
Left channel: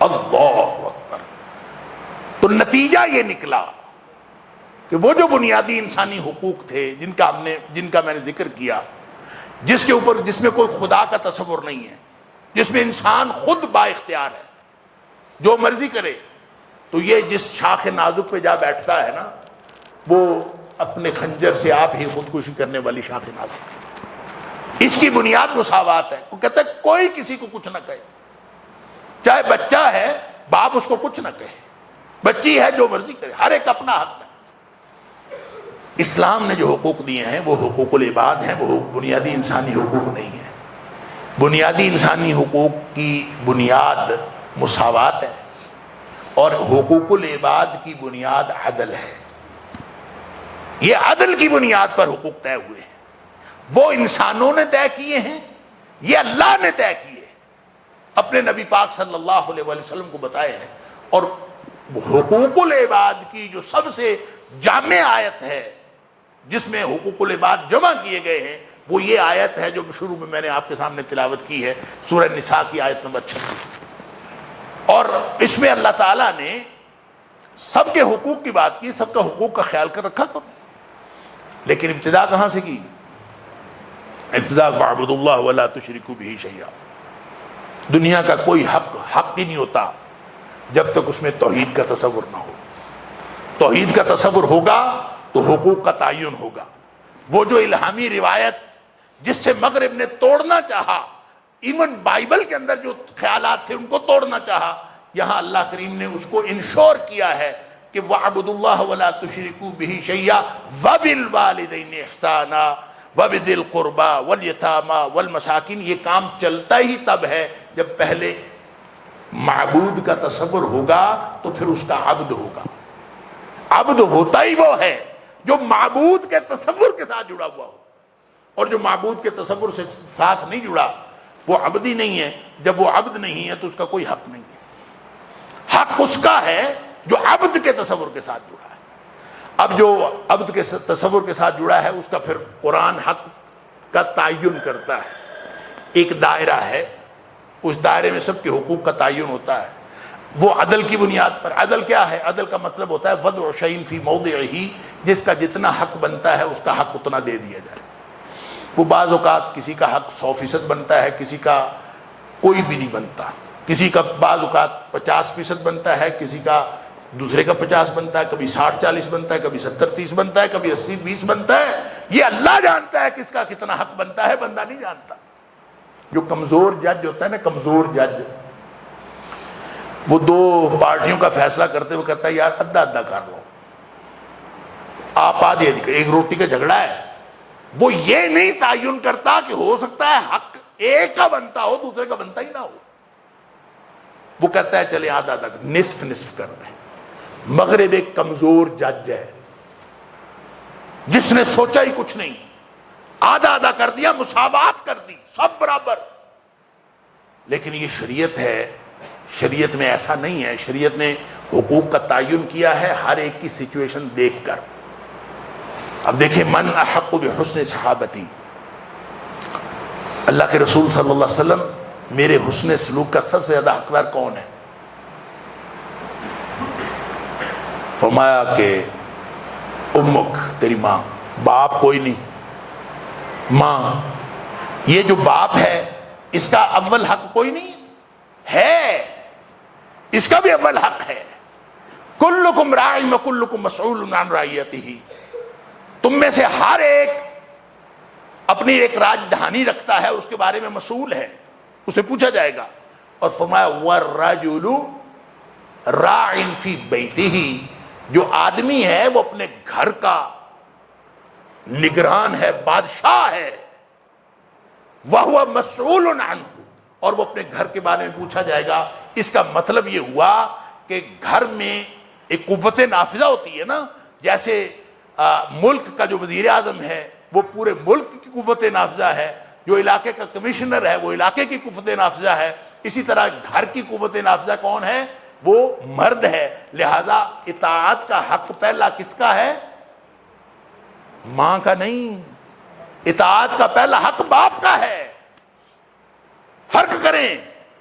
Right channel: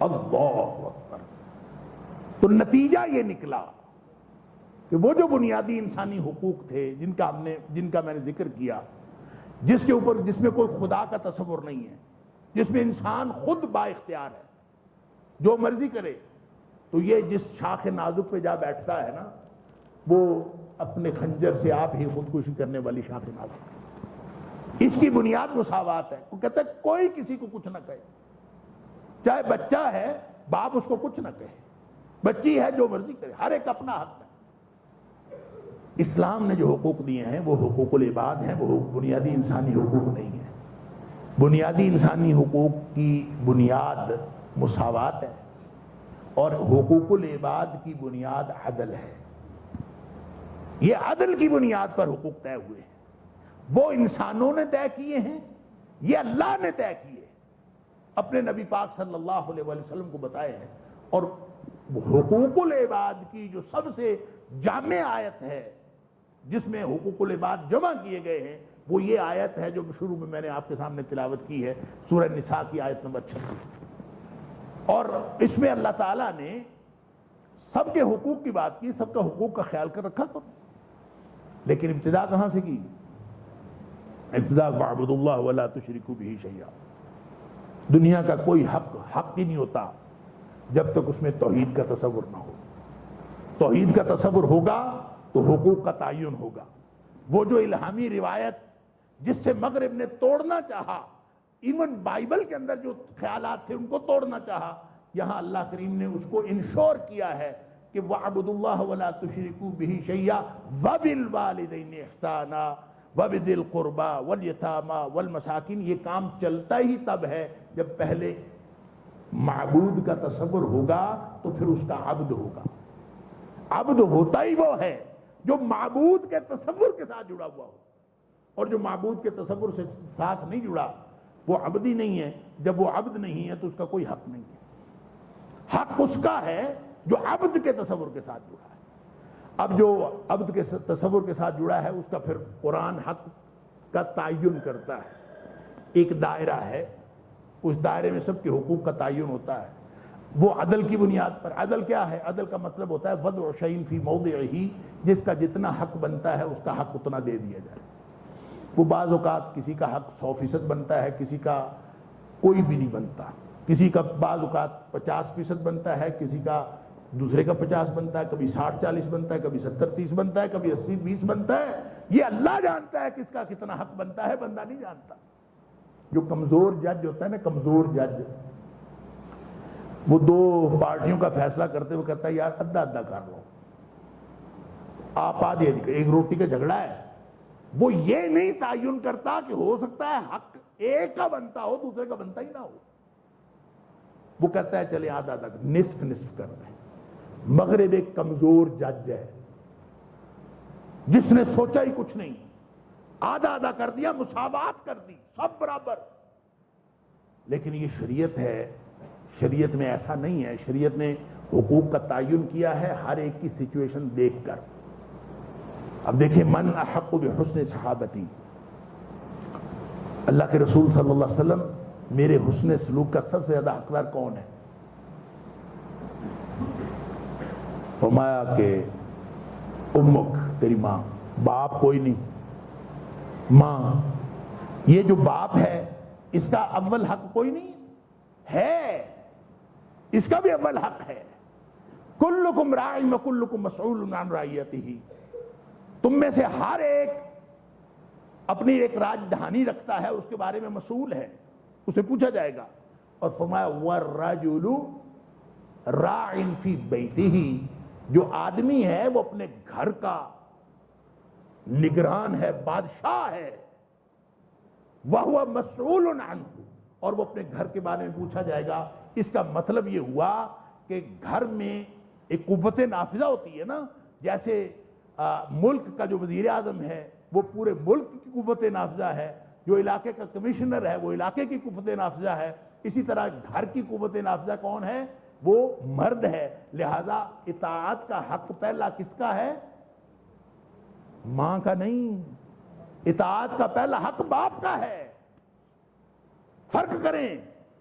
اللہ اکبر. تو نتیجہ یہ نکلا کہ وہ جو بنیادی انسانی حقوق تھے جن کا میں نے ذکر کیا, جس میں کوئی خدا کا تصور نہیں ہے, جس میں انسان خود با اختیار ہے, جو مرضی کرے, تو یہ جس شاخ نازک پہ جا بیٹھتا ہے نا وہ اپنے خنجر سے آپ ہی خودکشی کرنے والی شاخ نازک. اس کی بنیاد مساوات ہے. وہ کہتا ہے کوئی کسی کو کچھ نہ کہے, چاہے بچہ ہے باپ اس کو کچھ نہ کہے, بچی ہے جو مرضی کرے, ہر ایک اپنا حق ہے. اسلام نے جو حقوق دیے ہیں وہ حقوق العباد ہیں, وہ بنیادی انسانی حقوق نہیں ہیں. بنیادی انسانی حقوق کی بنیاد مساوات ہے اور حقوق العباد کی بنیاد عدل ہے. یہ عدل کی بنیاد پر حقوق طے ہوئے ہیں. وہ انسانوں نے طے کیے ہیں, یہ اللہ نے طے کیے, اپنے نبی پاک صلی اللہ علیہ وسلم کو بتائے ہیں. اور حقوق العباد کی جو سب سے جامع آیت ہے جس میں حقوق العباد جمع کیے گئے ہیں وہ یہ آیت ہے جو شروع میں نے آپ کے سامنے تلاوت کی ہے, سورہ نساء کی آیت نمبر 36. اور اس میں اللہ تعالیٰ نے سب کے حقوق کی بات کی, سب کا حقوق کا خیال کر رکھا. لیکن ابتدا کہاں سے کی؟ ابتدا وَاعْبُدُوا اللَّهَ وَلَا تُشْرِكُوا بِهِ شَيْئًا. دنیا کا کوئی حق ہی نہیں ہوتا جب تک اس میں توحید کا تصور نہ ہو. توحید کا تصور ہوگا تو حقوق کا تعین ہوگا. وہ جو الہامی روایت جس سے مغرب نے توڑنا چاہا, ایون بائبل کے اندر جو خیالات تھے ان کو توڑنا چاہا, یہاں اللہ کریم نے اس کو انشور کیا ہے کہ وَاعْبُدُوا اللَّهَ وَلَا تُشْرِكُوا بِهِ شَيْئًا وَبِالْوَالِدَيْنِ إِحْسَانًا وَبِذِي الْقُرْبَى وَالْيَتَامَى وَالْمَسَاكِينِ. یہ کام چلتا ہی تب ہے جب پہلے معبود کا تصور ہوگا تو پھر اس کا عبد ہوگا. عبد ہوتا ہی وہ ہے جو معبود کے تصور کے ساتھ جڑا ہوا ہو, اور جو معبود کے تصور سے ساتھ نہیں جڑا وہ عبد ہی نہیں ہے. جب وہ عبد نہیں ہے تو اس کا کوئی حق نہیں ہے. حق اس کا ہے جو عبد کے تصور کے ساتھ جڑا ہے. اب جو عبد کے تصور کے ساتھ جڑا ہے اس کا پھر قرآن حق کا تعین کرتا ہے. ایک دائرہ ہے, اس دائرے میں سب کے حقوق کا تعین ہوتا ہے, وہ عدل کی بنیاد پر. عدل کیا ہے؟ عدل کا مطلب ہوتا ہے وضع شیء فی موضعہ, جس کا جتنا حق بنتا ہے اس کا حق اتنا دے دیا جائے. وہ بعض اوقات کسی کا حق 100% بنتا ہے, کسی کا کوئی بھی نہیں بنتا. کسی کا بعض اوقات 50% بنتا ہے, کسی کا دوسرے کا 50 بنتا ہے, کبھی 60-40 بنتا ہے, کبھی 70-30 بنتا ہے, کبھی 80-20 بنتا ہے. یہ اللہ جانتا ہے کس کا کتنا حق بنتا ہے, بندہ نہیں جانتا. جو کمزور جج ہوتا ہے نا, کمزور جج, وہ 2 پارٹیوں کا فیصلہ کرتے ہوئے کہتا ہے یار ادھا ادھا کر لو, آپ آدھی آدھی. ایک روٹی کا جھگڑا ہے, وہ یہ نہیں تعین کرتا کہ ہو سکتا ہے حق ایک کا بنتا ہو دوسرے کا بنتا ہی نہ ہو. وہ کہتا ہے چلے آدھا آدھا, نصف نصف کر دیں. مغرب ایک کمزور جج ہے جس نے سوچا ہی کچھ نہیں، آدھا آدھا کر دیا، مساوات کر دی، سب برابر۔ لیکن یہ شریعت ہے، شریعت میں ایسا نہیں ہے، شریعت نے حقوق کا تعین کیا ہے ہر ایک کی سچویشن دیکھ کر۔ اب دیکھیں، من احق بحسن صحابتی، اللہ کے رسول صلی اللہ علیہ وسلم میرے حسن سلوک کا سب سے زیادہ حقدار کون ہے؟ فرمایا کہ امک، تیری ماں، باپ کوئی نہیں، ماں۔ یہ جو باپ ہے اس کا اول حق کوئی نہیں ہے، اس کا بھی اول حق ہے۔ کلکم راع وکلکم مسئول عن رعیتہ، تم میں سے ہر ایک اپنی ایک راج دہانی رکھتا ہے، اس کے بارے میں مسئول ہے، اسے پوچھا جائے گا۔ اور فرمایا والرجل راع فی بیتہ، جو آدمی ہے وہ اپنے گھر کا نگران ہے، بادشاہ ہے، وَهُوَ مَسْئُولٌ عَنْهُ، اور وہ اپنے گھر کے بارے میں پوچھا جائے گا۔ اس کا مطلب یہ ہوا کہ گھر میں ایک قوت نافذہ ہوتی ہے نا، جیسے ملک کا جو وزیر اعظم ہے وہ پورے ملک کی قوت نافذہ ہے، جو علاقے کا کمشنر ہے وہ علاقے کی قوت نافذہ ہے، اسی طرح گھر کی قوت نافذہ کون ہے؟ وہ مرد ہے۔ لہذا اطاعت کا حق پہلا کس کا ہے؟ ماں کا نہیں، اطاعت کا پہلا حق باپ کا ہے۔ فرق کریں،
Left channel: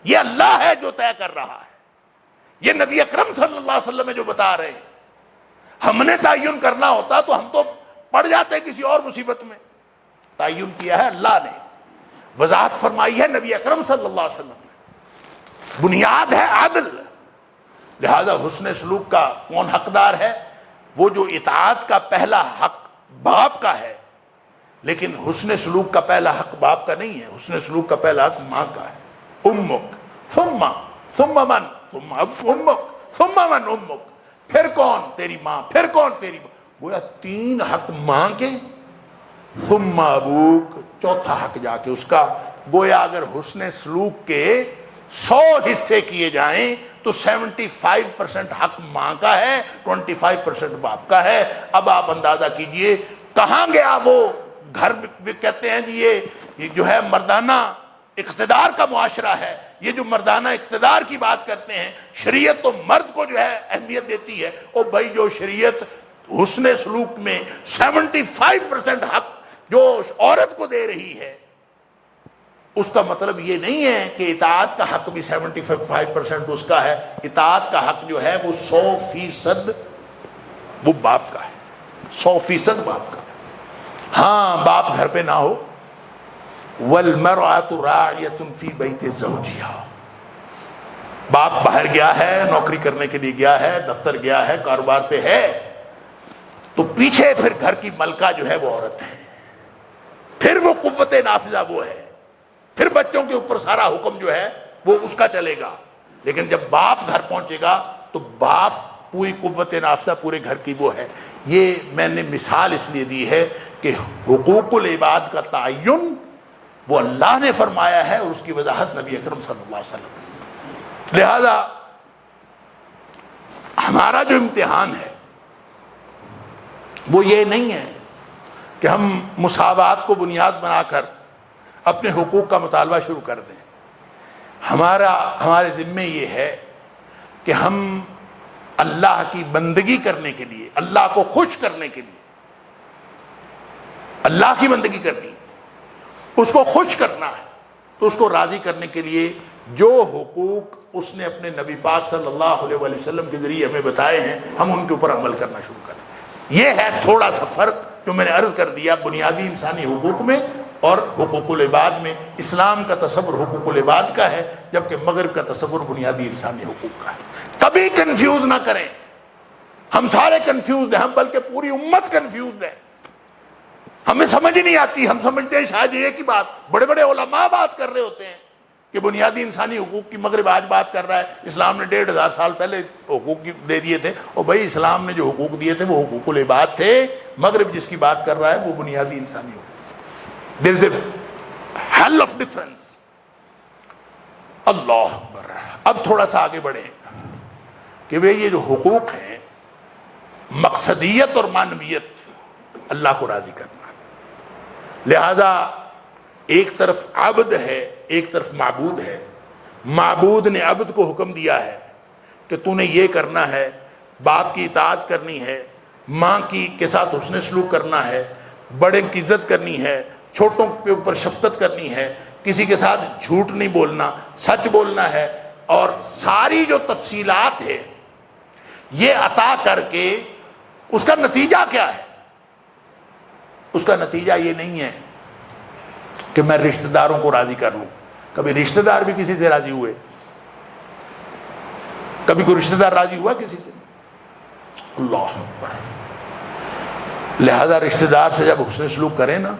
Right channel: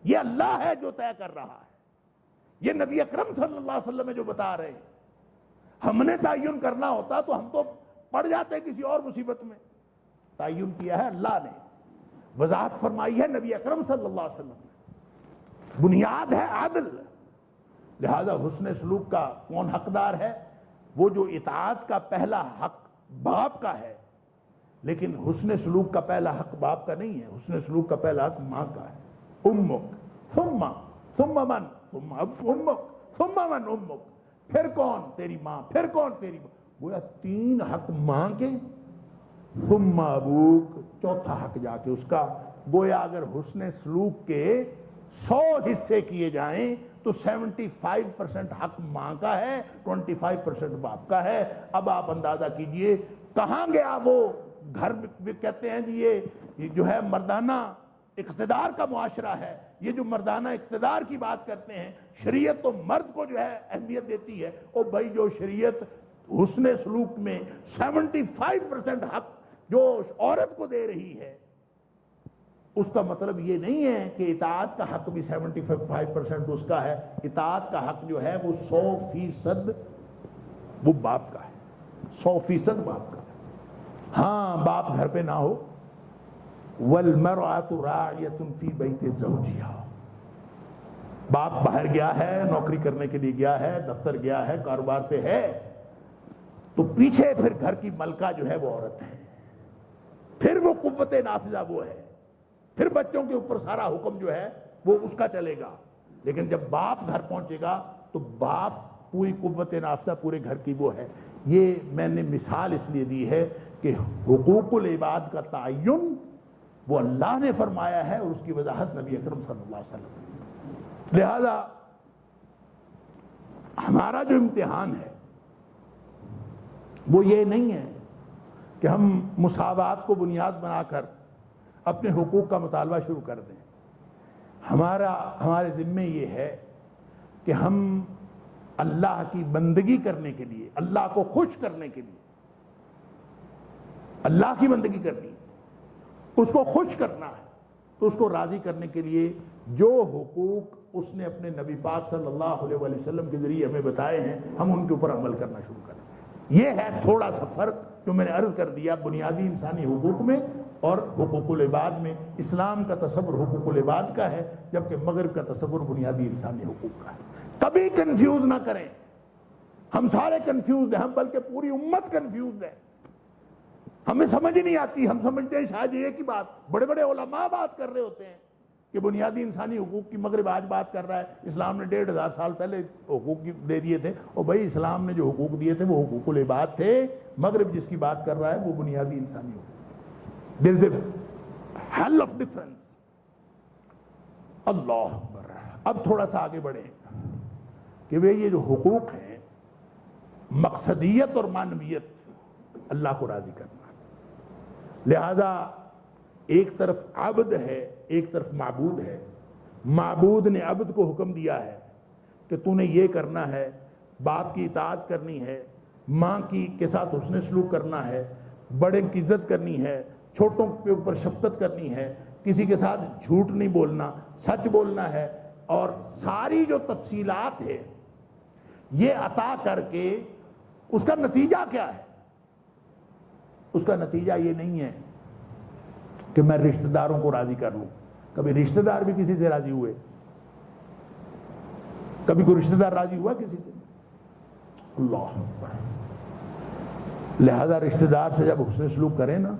یہ اللہ ہے جو طے کر رہا ہے، یہ نبی اکرم صلی اللہ علیہ وسلم ہے جو بتا رہے ہیں۔ ہم نے تعین کرنا ہوتا تو ہم تو پڑ جاتے کسی اور مصیبت میں، تعین کیا ہے اللہ نے، وضاحت فرمائی ہے نبی اکرم صلی اللہ علیہ وسلم نے، بنیاد ہے عدل۔ لہذا حسن سلوک کا کون حقدار ہے؟ وہ جو اطاعت کا پہلا حق باپ کا ہے، لیکن حسن سلوک کا پہلا حق باپ کا نہیں ہے، حسن سلوک کا پہلا حق ماں کا ہے۔ امک ثم من ثم امک ثم من امک، پھر کون؟ تیری ماں، پھر کون؟ تیری ماں۔ گویا تین حق ماں کے، ثم ابوک، چوتھا حق جا کے اس کا۔ گویا اگر حسن سلوک کے 100 حصے کیے جائیں تو 75% حق ماں کا ہے، 25% باپ کا ہے۔ اب آپ اندازہ کیجئے کہاں گیا وہ گھر بھی کہتے ہیں جی یہ جو ہے مردانہ اقتدار کا معاشرہ ہے، یہ جو مردانہ اقتدار کی بات کرتے ہیں، شریعت تو مرد کو جو ہے اہمیت دیتی ہے۔ اور بھائی جو شریعت حسن سلوک میں 75% حق جو عورت کو دے رہی ہے، اس کا مطلب یہ نہیں ہے کہ اطاعت کا حق بھی 75% اس کا ہے۔ اطاعت کا حق جو ہے وہ 100% وہ باپ کا ہے، 100% باپ کا ہے۔ ہاں باپ گھر پہ نہ ہو، وَالْمَرْأَةُ رَاعِيَةٌ فِي بَيْتِ زَوْجِهَا، باپ باہر گیا ہے، نوکری کرنے کے لیے گیا ہے، دفتر گیا ہے، کاروبار پہ ہے، تو پیچھے پھر گھر کی ملکہ جو ہے وہ عورت ہے، پھر وہ قوت نافذہ وہ ہے، پھر بچوں کے اوپر سارا حکم جو ہے وہ اس کا چلے گا۔ لیکن جب باپ گھر پہنچے گا تو باپ پوری قوت نافذہ پورے گھر کی وہ ہے۔ یہ میں نے مثال اس لیے دی ہے کہ حقوق العباد کا تعین وہ اللہ نے فرمایا ہے، اور اس کی وضاحت نبی اکرم صلی اللہ علیہ وسلم۔ لہذا ہمارا جو امتحان ہے وہ یہ نہیں ہے کہ ہم مساوات کو بنیاد بنا کر اپنے حقوق کا مطالبہ شروع کر دیں۔ ہمارے ذمے یہ ہے کہ ہم اللہ کی بندگی کرنے کے لیے، اللہ کو خوش کرنے کے لیے، اللہ کی بندگی کرنی ہے، اس کو خوش کرنا ہے، تو اس کو راضی کرنے کے لیے جو حقوق اس نے اپنے نبی پاک صلی اللہ علیہ وآلہ وسلم کے ذریعے ہمیں بتائے ہیں، ہم ان کے اوپر عمل کرنا شروع کریں۔ یہ ہے تھوڑا سا فرق جو میں نے عرض کر دیا بنیادی انسانی حقوق میں اور حقوق العباد میں۔ اسلام کا تصور حقوق العباد کا ہے، جبکہ مغرب کا تصور بنیادی انسانی حقوق کا ہے۔ کبھی کنفیوز نہ کریں، ہم سارے کنفیوزڈ ہیں، ہم بلکہ پوری امت کنفیوزڈ ہے، ہمیں سمجھ نہیں آتی۔ ہم سمجھتے ہیں شاید یہ کی بات، بڑے بڑے علماء بات کر رہے ہوتے ہیں کہ بنیادی انسانی حقوق کی مغرب آج بات کر رہا ہے، اسلام نے 1500 سال پہلے حقوق دے دیے تھے۔ اور بھائی اسلام نے جو حقوق دیے تھے وہ حقوق العباد تھے، مغرب جس کی بات کر رہا ہے وہ بنیادی انسانی حقوق۔ There is a hell of difference۔ اللہ اکبر۔ اب تھوڑا سا آگے بڑھیں کہ وہ یہ جو حقوق ہیں مقصدیت اور معنویت اللہ کو راضی کرنا. لہذا ایک طرف عبد ہے، ایک طرف معبود ہے. معبود نے عبد کو حکم دیا ہے کہ تو نے یہ کرنا ہے، باپ کی اطاعت کرنی ہے، ماں کے ساتھ حسن سلوک کرنا ہے، بڑے کی عزت کرنی ہے، چھوٹوں کے اوپر شفقت کرنی ہے، کسی کے ساتھ جھوٹ نہیں بولنا، سچ بولنا ہے. اور ساری جو تفصیلات ہے یہ عطا کر کے اس کا نتیجہ کیا ہے؟ اس کا نتیجہ یہ نہیں ہے کہ میں رشتہ داروں کو راضی کر لوں. کبھی رشتہ دار بھی کسی سے راضی ہوئے؟ کبھی کوئی رشتہ دار راضی ہوا کسی سے؟ اللہ اکبر. لہذا رشتہ دار سے جب حسن سلوک کریں نا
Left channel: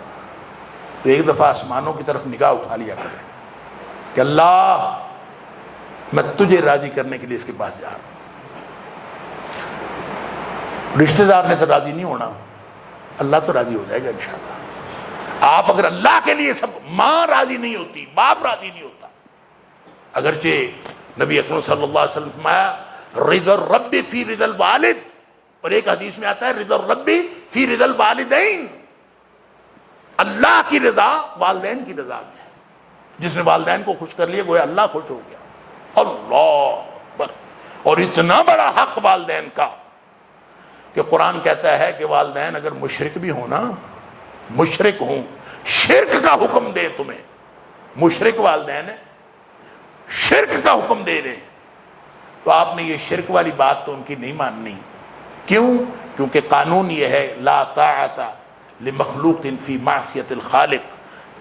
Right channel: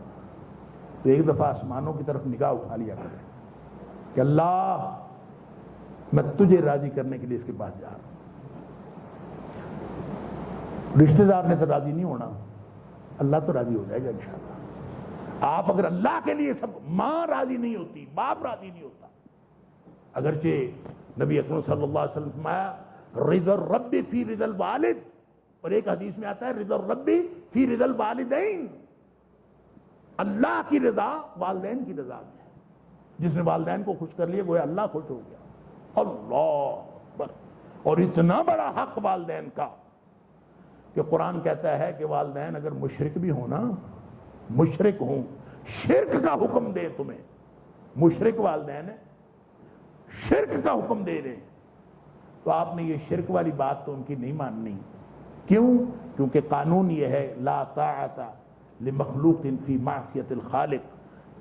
تو ایک دفعہ آسمانوں کی طرف نگاہ اٹھا لیا کریں کہ اللہ میں تجھے راضی کرنے کے لیے اس کے پاس جا رہا ہوں. رشتہ دار نے تو راضی نہیں ہونا، اللہ تو راضی ہو جائے گا انشاءاللہ. آپ اگر اللہ کے لیے سب، ماں راضی نہیں ہوتی، باپ راضی نہیں ہوتا، اگرچہ نبی اکرم صلی اللہ علیہ وسلم فرمایا رضا الرب فی رضا الوالد، اور ایک حدیث میں آتا ہے رضا الرب فی رضا الوالدین، اللہ کی رضا والدین کی رضا میں ہے. جس نے والدین کو خوش کر لیا گویا اللہ خوش ہو گیا. اللہ اکبر. اور اتنا بڑا حق والدین کا کہ قرآن کہتا ہے کہ والدین اگر مشرک بھی ہونا، مشرک ہوں، شرک کا حکم دے تمہیں، مشرک والدین ہے، شرک کا حکم دے رہے ہیں، تو آپ نے یہ شرک والی بات تو ان کی نہیں ماننی. کیوں؟ کیونکہ قانون یہ ہے لا طاعت لمخلوق فی معصیت الخالق.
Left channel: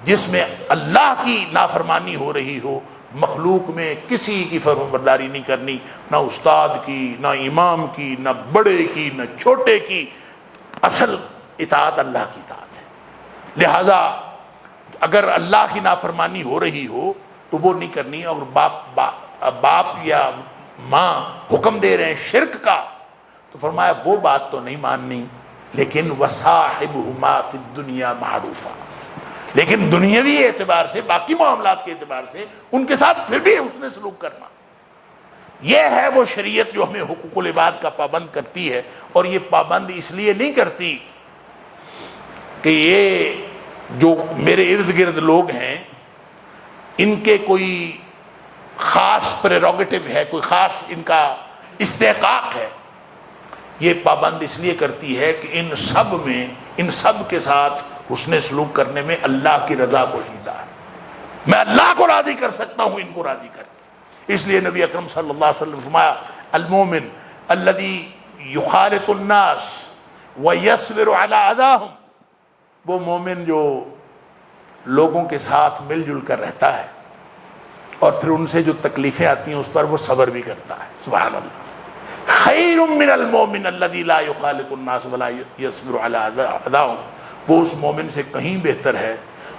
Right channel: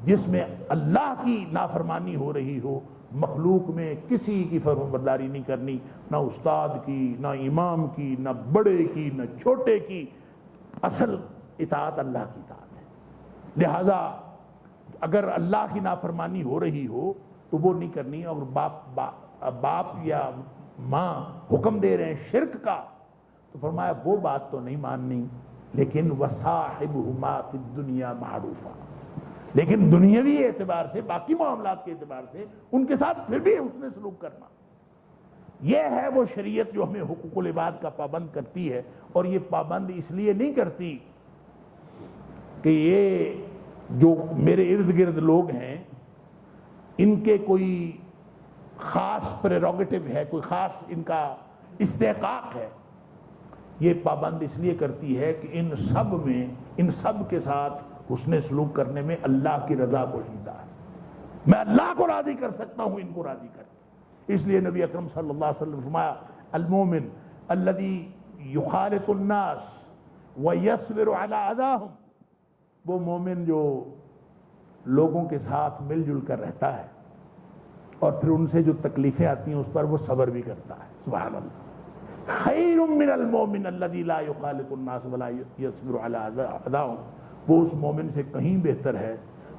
جس میں اللہ کی نافرمانی ہو رہی ہو، مخلوق میں کسی کی فرمانبرداری نہیں کرنی، نہ استاد کی، نہ امام کی، نہ بڑے کی، نہ چھوٹے کی. اصل اطاعت اللہ کی اطاعت ہے. لہذا اگر اللہ کی نافرمانی ہو رہی ہو تو وہ نہیں کرنی. اور باپ یا ماں حکم دے رہے ہیں شرک کا تو فرمایا وہ بات تو نہیں ماننی، لیکن وَصَاحِبْهُمَا فِي الدُّنْيَا مَعْرُوفًا، لیکن دنیاوی اعتبار سے، باقی معاملات کے اعتبار سے ان کے ساتھ پھر بھی حسن سلوک کرنا. یہ ہے وہ شریعت جو ہمیں حقوق العباد کا پابند کرتی ہے. اور یہ پابند اس لیے نہیں کرتی کہ یہ جو میرے ارد گرد لوگ ہیں ان کے کوئی خاص پریروگیٹو ہے، کوئی خاص ان کا استحقاق ہے. یہ پابند اس لیے کرتی ہے کہ ان سب کے ساتھ حسن سلوک کرنے میں اللہ کی رضا پوشیدہ ہے. میں اللہ کو راضی کر سکتا ہوں ان کو راضی کر کے. اس لیے نبی اکرم صلی اللہ علیہ وسلم فرمایا المومن الذی یخالط الناس ویصبر علی اذاہم، وہ مومن جو لوگوں کے ساتھ مل جل کر رہتا ہے اور پھر ان سے جو تکلیفیں آتی ہیں اس پر وہ صبر بھی کرتا ہے. سبحان اللہ. خیر من المومن الذی لا یخالط الناس ولا یصبر علی اذاہم، وہ اس مومن سے کہیں بہتر ہے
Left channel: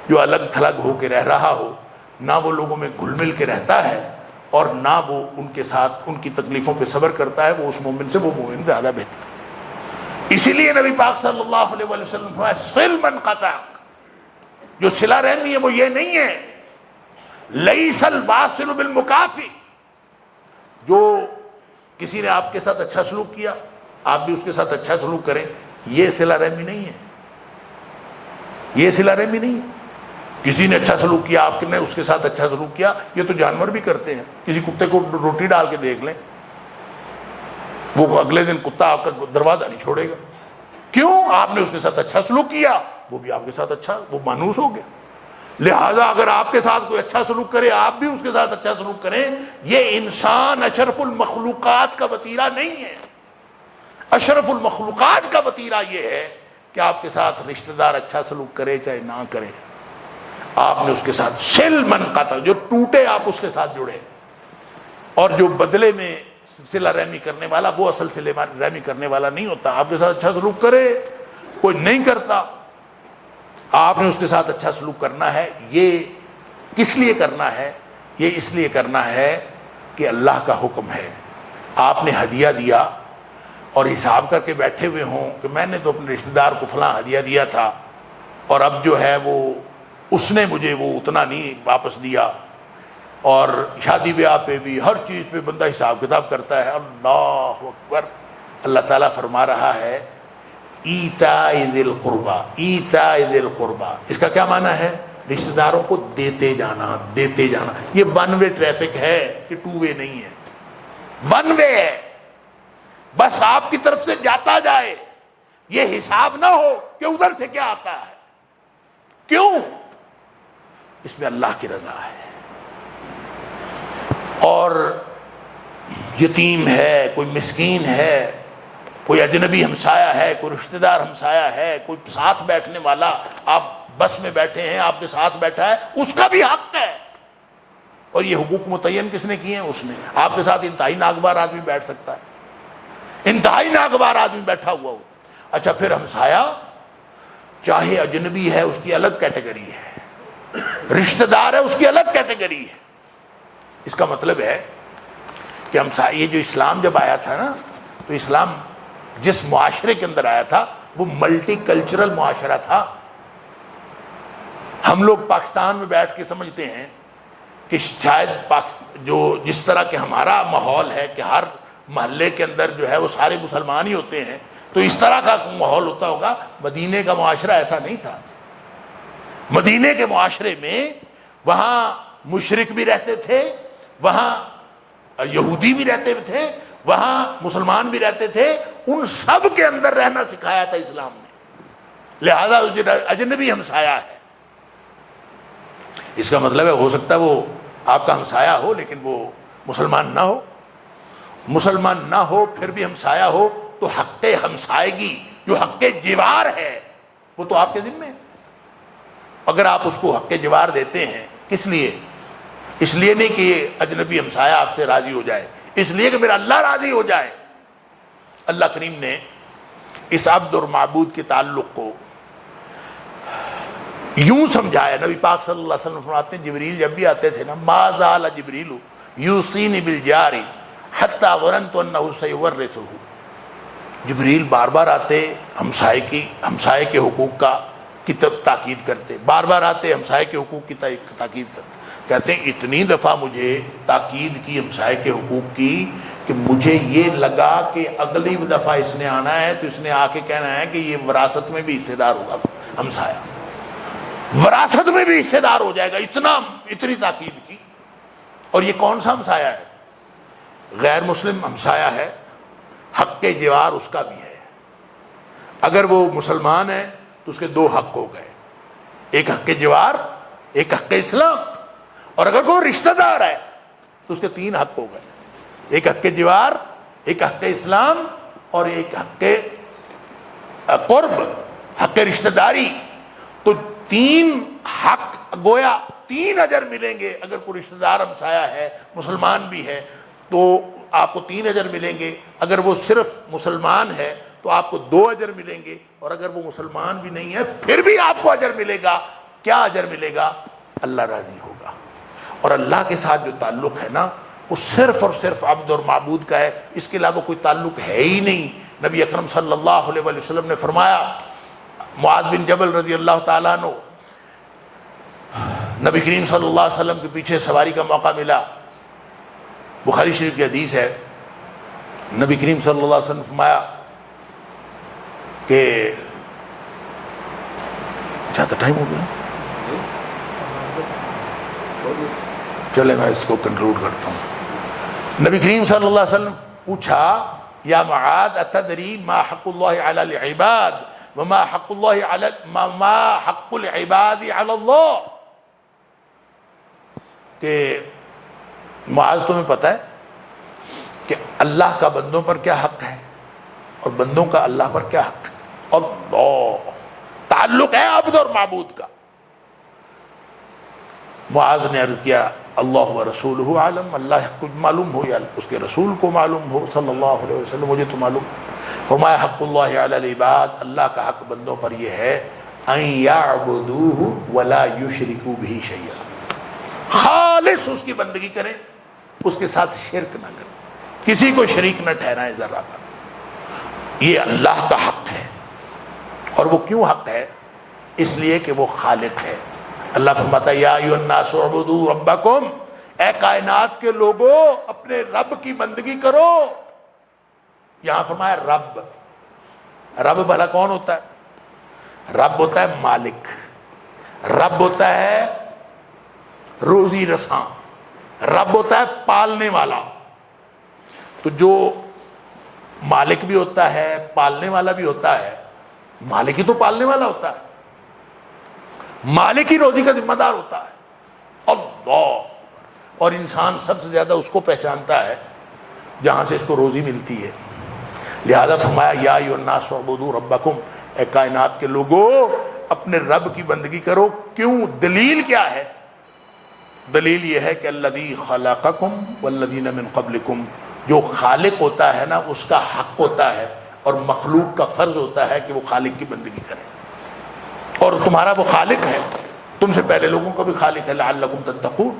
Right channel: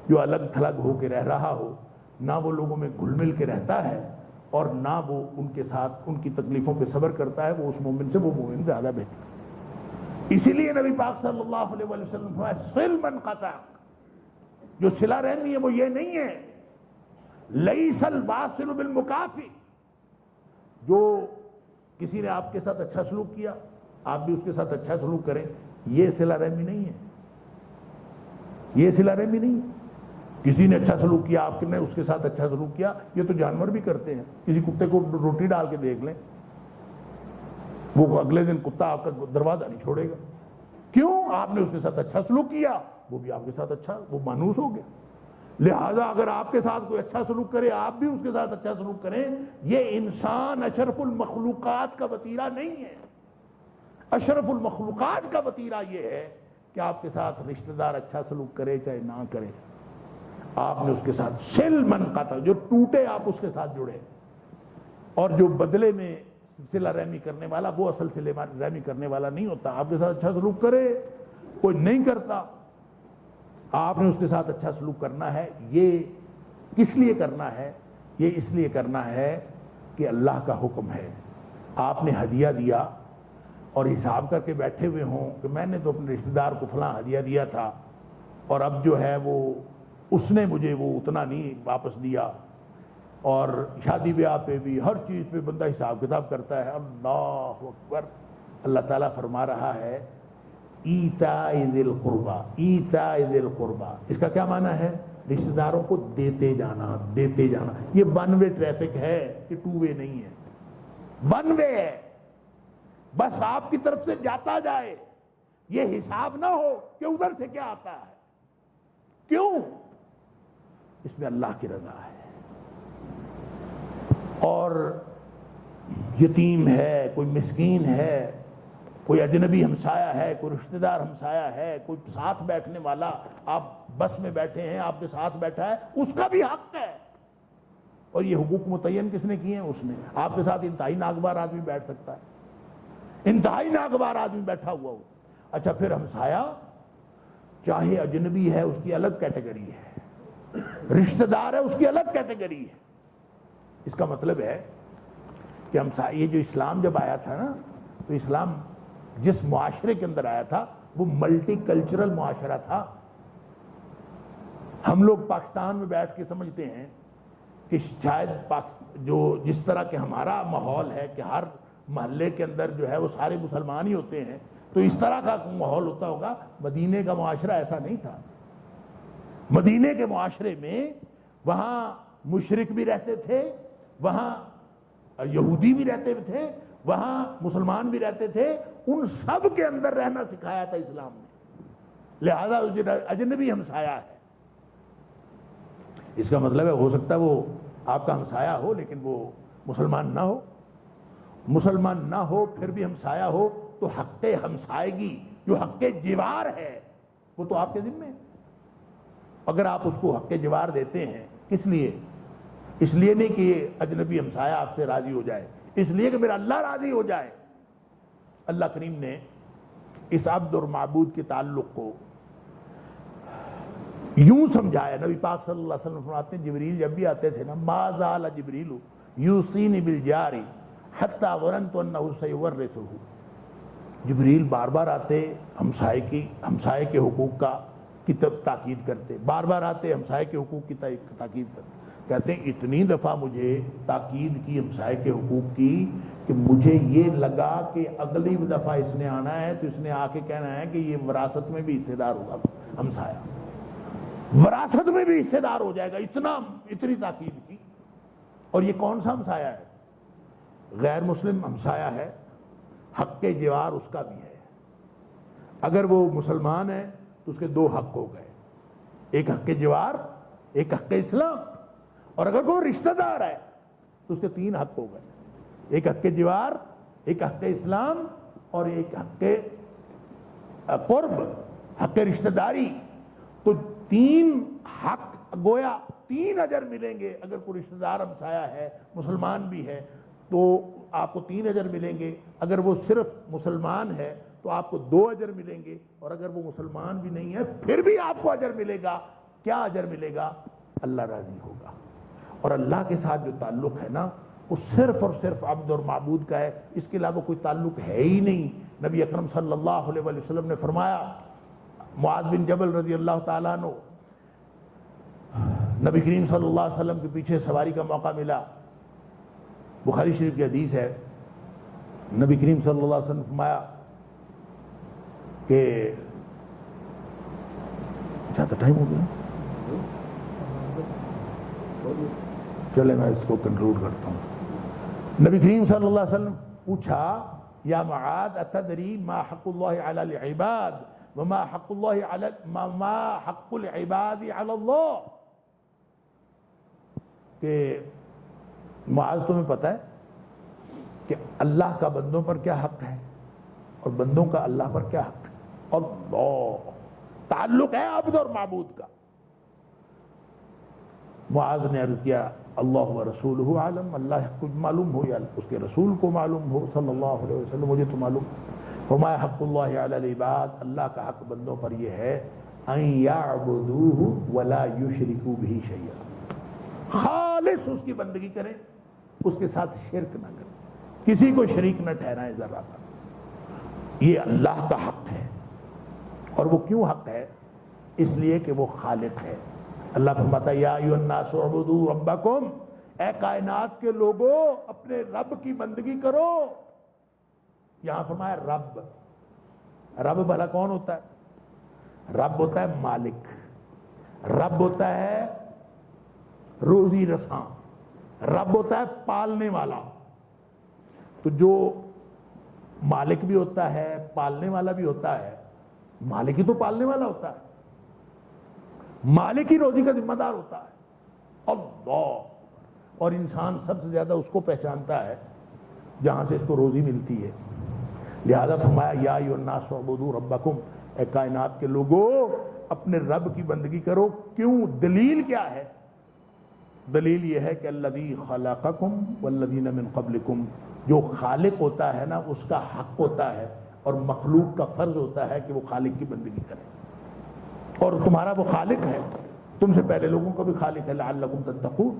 جو الگ تھلگ ہو کے رہ رہا ہو، نہ وہ لوگوں میں گھل مل کے رہتا ہے اور نہ وہ ان کے ساتھ ان کی تکلیفوں پہ صبر کرتا ہے. وہ اس مومن سے وہ مومن زیادہ بہتر ہے. اسی لیے نبی پاک صلی اللہ علیہ وسلم فرمایا صل من قطعک، جو صلہ رحمی ہے وہ یہ نہیں ہے لیس الواصل بالمکافی، جو کسی نے آپ کے ساتھ اچھا سلوک کیا آپ بھی اس کے ساتھ اچھا سلوک کریں، یہ صلہ رحمی نہیں ہے. یہ صلہ رحمی نہیں ہے. کسی نے اچھا سلوک کیا آپ نے اس کے ساتھ اچھا سلوک کیا، یہ تو جانور بھی کرتے ہیں. کسی کتے کو روٹی ڈال کے دیکھ لیں، وہ اگلے دن کتا آپ کا دروازہ نہیں چھوڑے گا. کیوں؟ آپ نے اس کے ساتھ اچھا سلوک کیا، وہ بھی آپ کے ساتھ اچھا، وہ مانوس ہو گیا. لہٰذا اگر آپ کے ساتھ کوئی اچھا سلوک کرے آپ بھی اس کے ساتھ اچھا سلوک کریں. یہ انسان اشرف المخلوقات کا وتیرہ نہیں ہے. اشرف المخلوقات کا وتیرہ یہ ہے کہ آپ کے ساتھ رشتہ دار اچھا سلوک کرے چاہے نہ کرے، آپ نے اس کے ساتھ صل من قطع، جو ٹوٹے آپ اس کے ساتھ جڑے. اور جو بدلے میں صلہ رحمی کرنے والا وہ اصل صلہ رحمی کرنے والا نہیں ہوتا. آپ کے ساتھ اچھا سلوک کرے، کوئی نہیں کرتا، آپ نے اس کے ساتھ اچھا سلوک کرنا ہے. یہ کس لیے کرنا ہے؟ یہ اس لیے کرنا ہے کہ اللہ کا حکم ہے. آپ نے ہدیہ دیا اور حساب کر کے بیٹھے ہوئے ہوں کہ میں نے تو اپنے رشتہ دار کو فلاں ہدیہ دیا تھا اور اب جو ہے وہ اس نے مجھے وہ اتنا نہیں واپس دیا. اور شادی بیاہ پہ بھی ہر چیز پہ بندہ حساب کتاب کرتا ہے. اللہ اکبر. اللہ تعالیٰ فرما رہا ہے ایتاء ذی القربا، ایتاء ذی القربا، اس کا کیا معنی ہے؟ رشتہ داروں کو دیتے جانا، دیتے جانا۔ یہ ون وے ٹریفک ہے، یہ ٹو وے نہیں ہے، ون وے ہے، بس آپ کی طرف سے جاتا جائے، یہ حساب نہ ہو کہ ادھر سے کیا آتا ہے۔ کیوں؟ اس میں اللہ کی رضا ہے۔ اور یتیم ہے، کوئی مسکین ہے، کوئی اجنبی ہمسایہ ہے، کوئی رشتہ دار ہمسایہ ہے، کوئی ساتھ بیٹھنے والا، آپ بس میں بیٹھے ہیں، آپ کے ساتھ بیٹھا ہے، اس کا بھی حق ہے۔ اور یہ حقوق متعین کس نے کیے ہیں؟ اس نے۔ آپ کے ساتھ انتہائی ناگوار آدمی بیٹھ سکتا ہے، انتہائی ناگوار آدمی بیٹھا ہوا ہو۔ اچھا پھر ہمسایہ چاہے اجنبی ہے، اس کی الگ کیٹیگری ہے، رشتہ دار ہے، اس کی الگ کیٹیگری ہے۔ اس کا مطلب ہے کہ ہمسایہ، یہ جو اسلام جب آیا تھا نا، تو اسلام جس معاشرے کے اندر آیا تھا وہ ملٹی کلچرل معاشرہ تھا۔ ہم لوگ پاکستان میں بیٹھ کے سمجھتے ہیں کہ شاید جو جس طرح کہ ہمارا ماحول ہے کہ ہر محلے کے اندر جو ہے وہ سارے مسلمان ہی ہوتے ہیں، تو اس طرح کا ماحول ہوتا ہوگا۔ مدینے کا معاشرہ ایسا نہیں تھا۔ مدینے کے معاشرے میں وہاں مشرک بھی رہتے تھے، وہاں یہودی بھی رہتے تھے، وہاں مسلمان بھی رہتے تھے، ان سب کے اندر رہنا سکھایا تھا اسلام نے۔ لہذا اجنبی ہمسایہ ہے، اس کا مطلب ہے ہو سکتا ہے وہ آپ کا ہمسایہ ہو لیکن وہ مسلمان نہ ہو، مسلمان نہ ہو پھر بھی ہمسایہ ہو، تو حق ہمسائیگی جو حق جوار ہے وہ تو آپ کے ذمہ ہے۔ اگر آپ اس کو حق جوار دیتے ہیں، کس لیے؟ اس لیے نہیں کہ یہ اجنبی ہمسایہ آپ سے راضی ہو جائے، اس لیے کہ میرا اللہ راضی ہو جائے۔ اللہ کریم نے اس عبد اور معبود کے تعلق کو یوں سمجھایا۔ نبی پاک صلی اللہ علیہ وسلم فرماتے ہیں جبریل جب بھی آتے تھے نا، ما زال جبریل یوصینی بالجار حتی ظننت انہ سیورثہ، جبریل بار بار آتے ہمسائے کے حقوق کی تاکید کرتے، بار بار آتے ہمسائے کے حقوق کی تاکید کرتے۔ کہتے ہیں اتنی دفعہ مجھے تاکید کی ہمسائے کے حقوق کی کہ مجھے یہ لگا کہ اگلی دفعہ اس نے آنا ہے تو اس نے آ کے کہنا ہے کہ یہ وراثت میں بھی حصے دار ہوگا، ہمسایہ وراثت میں بھی حصے دار ہو جائے گا، اتنی تاکید کی۔ اور یہ کون سا ہمسایہ ہے؟ غیر مسلم ہمسایہ ہے، حق جوار اس کا بھی ہے۔ اگر وہ مسلمان ہے تو اس کے دو حق ہو گئے، ایک حق جوار، ایک حق اسلام۔ اور اگر کوئی رشتہ دار ہے تو اس کے تین حق ہو گئے، ایک حق جوار، ایک حق اسلام اور ایک حق قرب، حق رشتہ داری۔ تو تین حق گویا تین اجر ملیں گے۔ اگر کوئی رشتہ دار ہمسایہ ہے، مسلمان بھی ہے، تو آپ کو 3 اجر ملیں گے۔ اگر وہ صرف مسلمان ہے تو آپ کو 2 اجر ملیں گے، اور اگر وہ مسلمان بھی نہیں ہے پھر بھی آپ کو اجر ملے گا۔ کیا اجر ملے گا؟ اللہ راضی ہوگا۔ اور اللہ کے ساتھ جو تعلق ہے نا، وہ صرف اور صرف عبد اور معبود کا ہے، اس کے علاوہ کوئی تعلق ہے ہی نہیں۔ نبی اکرم صلی اللہ علیہ وسلم نے فرمایا، معاذ بن جبل رضی اللہ تعالیٰ عنہ، نبی کریم صلی اللہ علیہ وسلم کے پیچھے سواری کا موقع ملا، بخاری شریف کی حدیث ہے، نبی کریم صلی اللہ علیہ وسلم نے فرمایا کہ زیادہ ٹائم ہو گیا، چلے میں اس کو کنکلوڈ کرتا ہوں۔ نبی کریم صلی اللہ علیہ وسلم پوچھا، یا معاذ اتدری ما حق اللہ علی العباد وما حق العباد علی اللہ، کہ معاذ تمہیں پتہ ہے کہ اللہ کا بندوں پر کیا حق ہے اور بندوں کا اللہ پر کیا حق ہے؟ اللہ، تعلق ہے عبد اور معبود کا۔ معاذ نے عرض کیا، اللہ و رسولہ عالم، اللہ کچھ معلوم ہو یا اس کے رسول کو معلوم ہو صلی اللہ علیہ وسلم، مجھے تو معلوم۔ فرمایا حق اللہ علی العباد، اللہ کا حق بندوں پر یہ ہے، ان یعبدوہ ولا یشرکوا بہ شیئا، خالص اس کی بندگی کریں، اس کے ساتھ شرک نہ کریں، کسی کو شریک نہ ٹھہرائیں ذرہ پر۔ یہ اللہ کا حق ہے۔ اور وہ کیوں حق ہے؟ اس لیے کہ وہ خالق ہے۔ اللہ فرماتا ہے، یا ایھا الناس اعبدوا ربکم، اے کائنات کے لوگوں اپنے رب کی بندگی کرو۔ یہاں فرمایا رب. رب بھلا کون ہوتا ہے؟ رب ہوتا ہے مالک، رب ہوتا ہے روزی رساں، رب ہوتا ہے پالنے والا. تو جو مالک بھی ہوتا ہے، پالنے والا بھی ہوتا ہے، مالک ہی تو پالنے والا ہوتا ہے، مالک ہی روزی کا ذمہ دار ہوتا ہے. اللہ. اور انسان سب سے زیادہ اس کو پہچانتا ہے جہاں سے اس کو روزی ملتی ہے. لہذا فرمایا یا ایھا الناس اعبدوا ربکم، اے کائنات کے لوگوں اپنے رب کی بندگی کرو. کیوں؟ دلیل کیا ہے؟ دلیل یہ ہے کہ الذی خلقکم والذین من قبلکم، جو خالق ہوتا ہے نا اس کا حق ہوتا ہے، اور مخلوق کا فرض ہوتا ہے کہ وہ خالق کی بندگی کرے. اور تمہارا وہ خالق ہے، تم سے پہلے لوگوں کا بھی خالق ہے، لعلکم تتقون.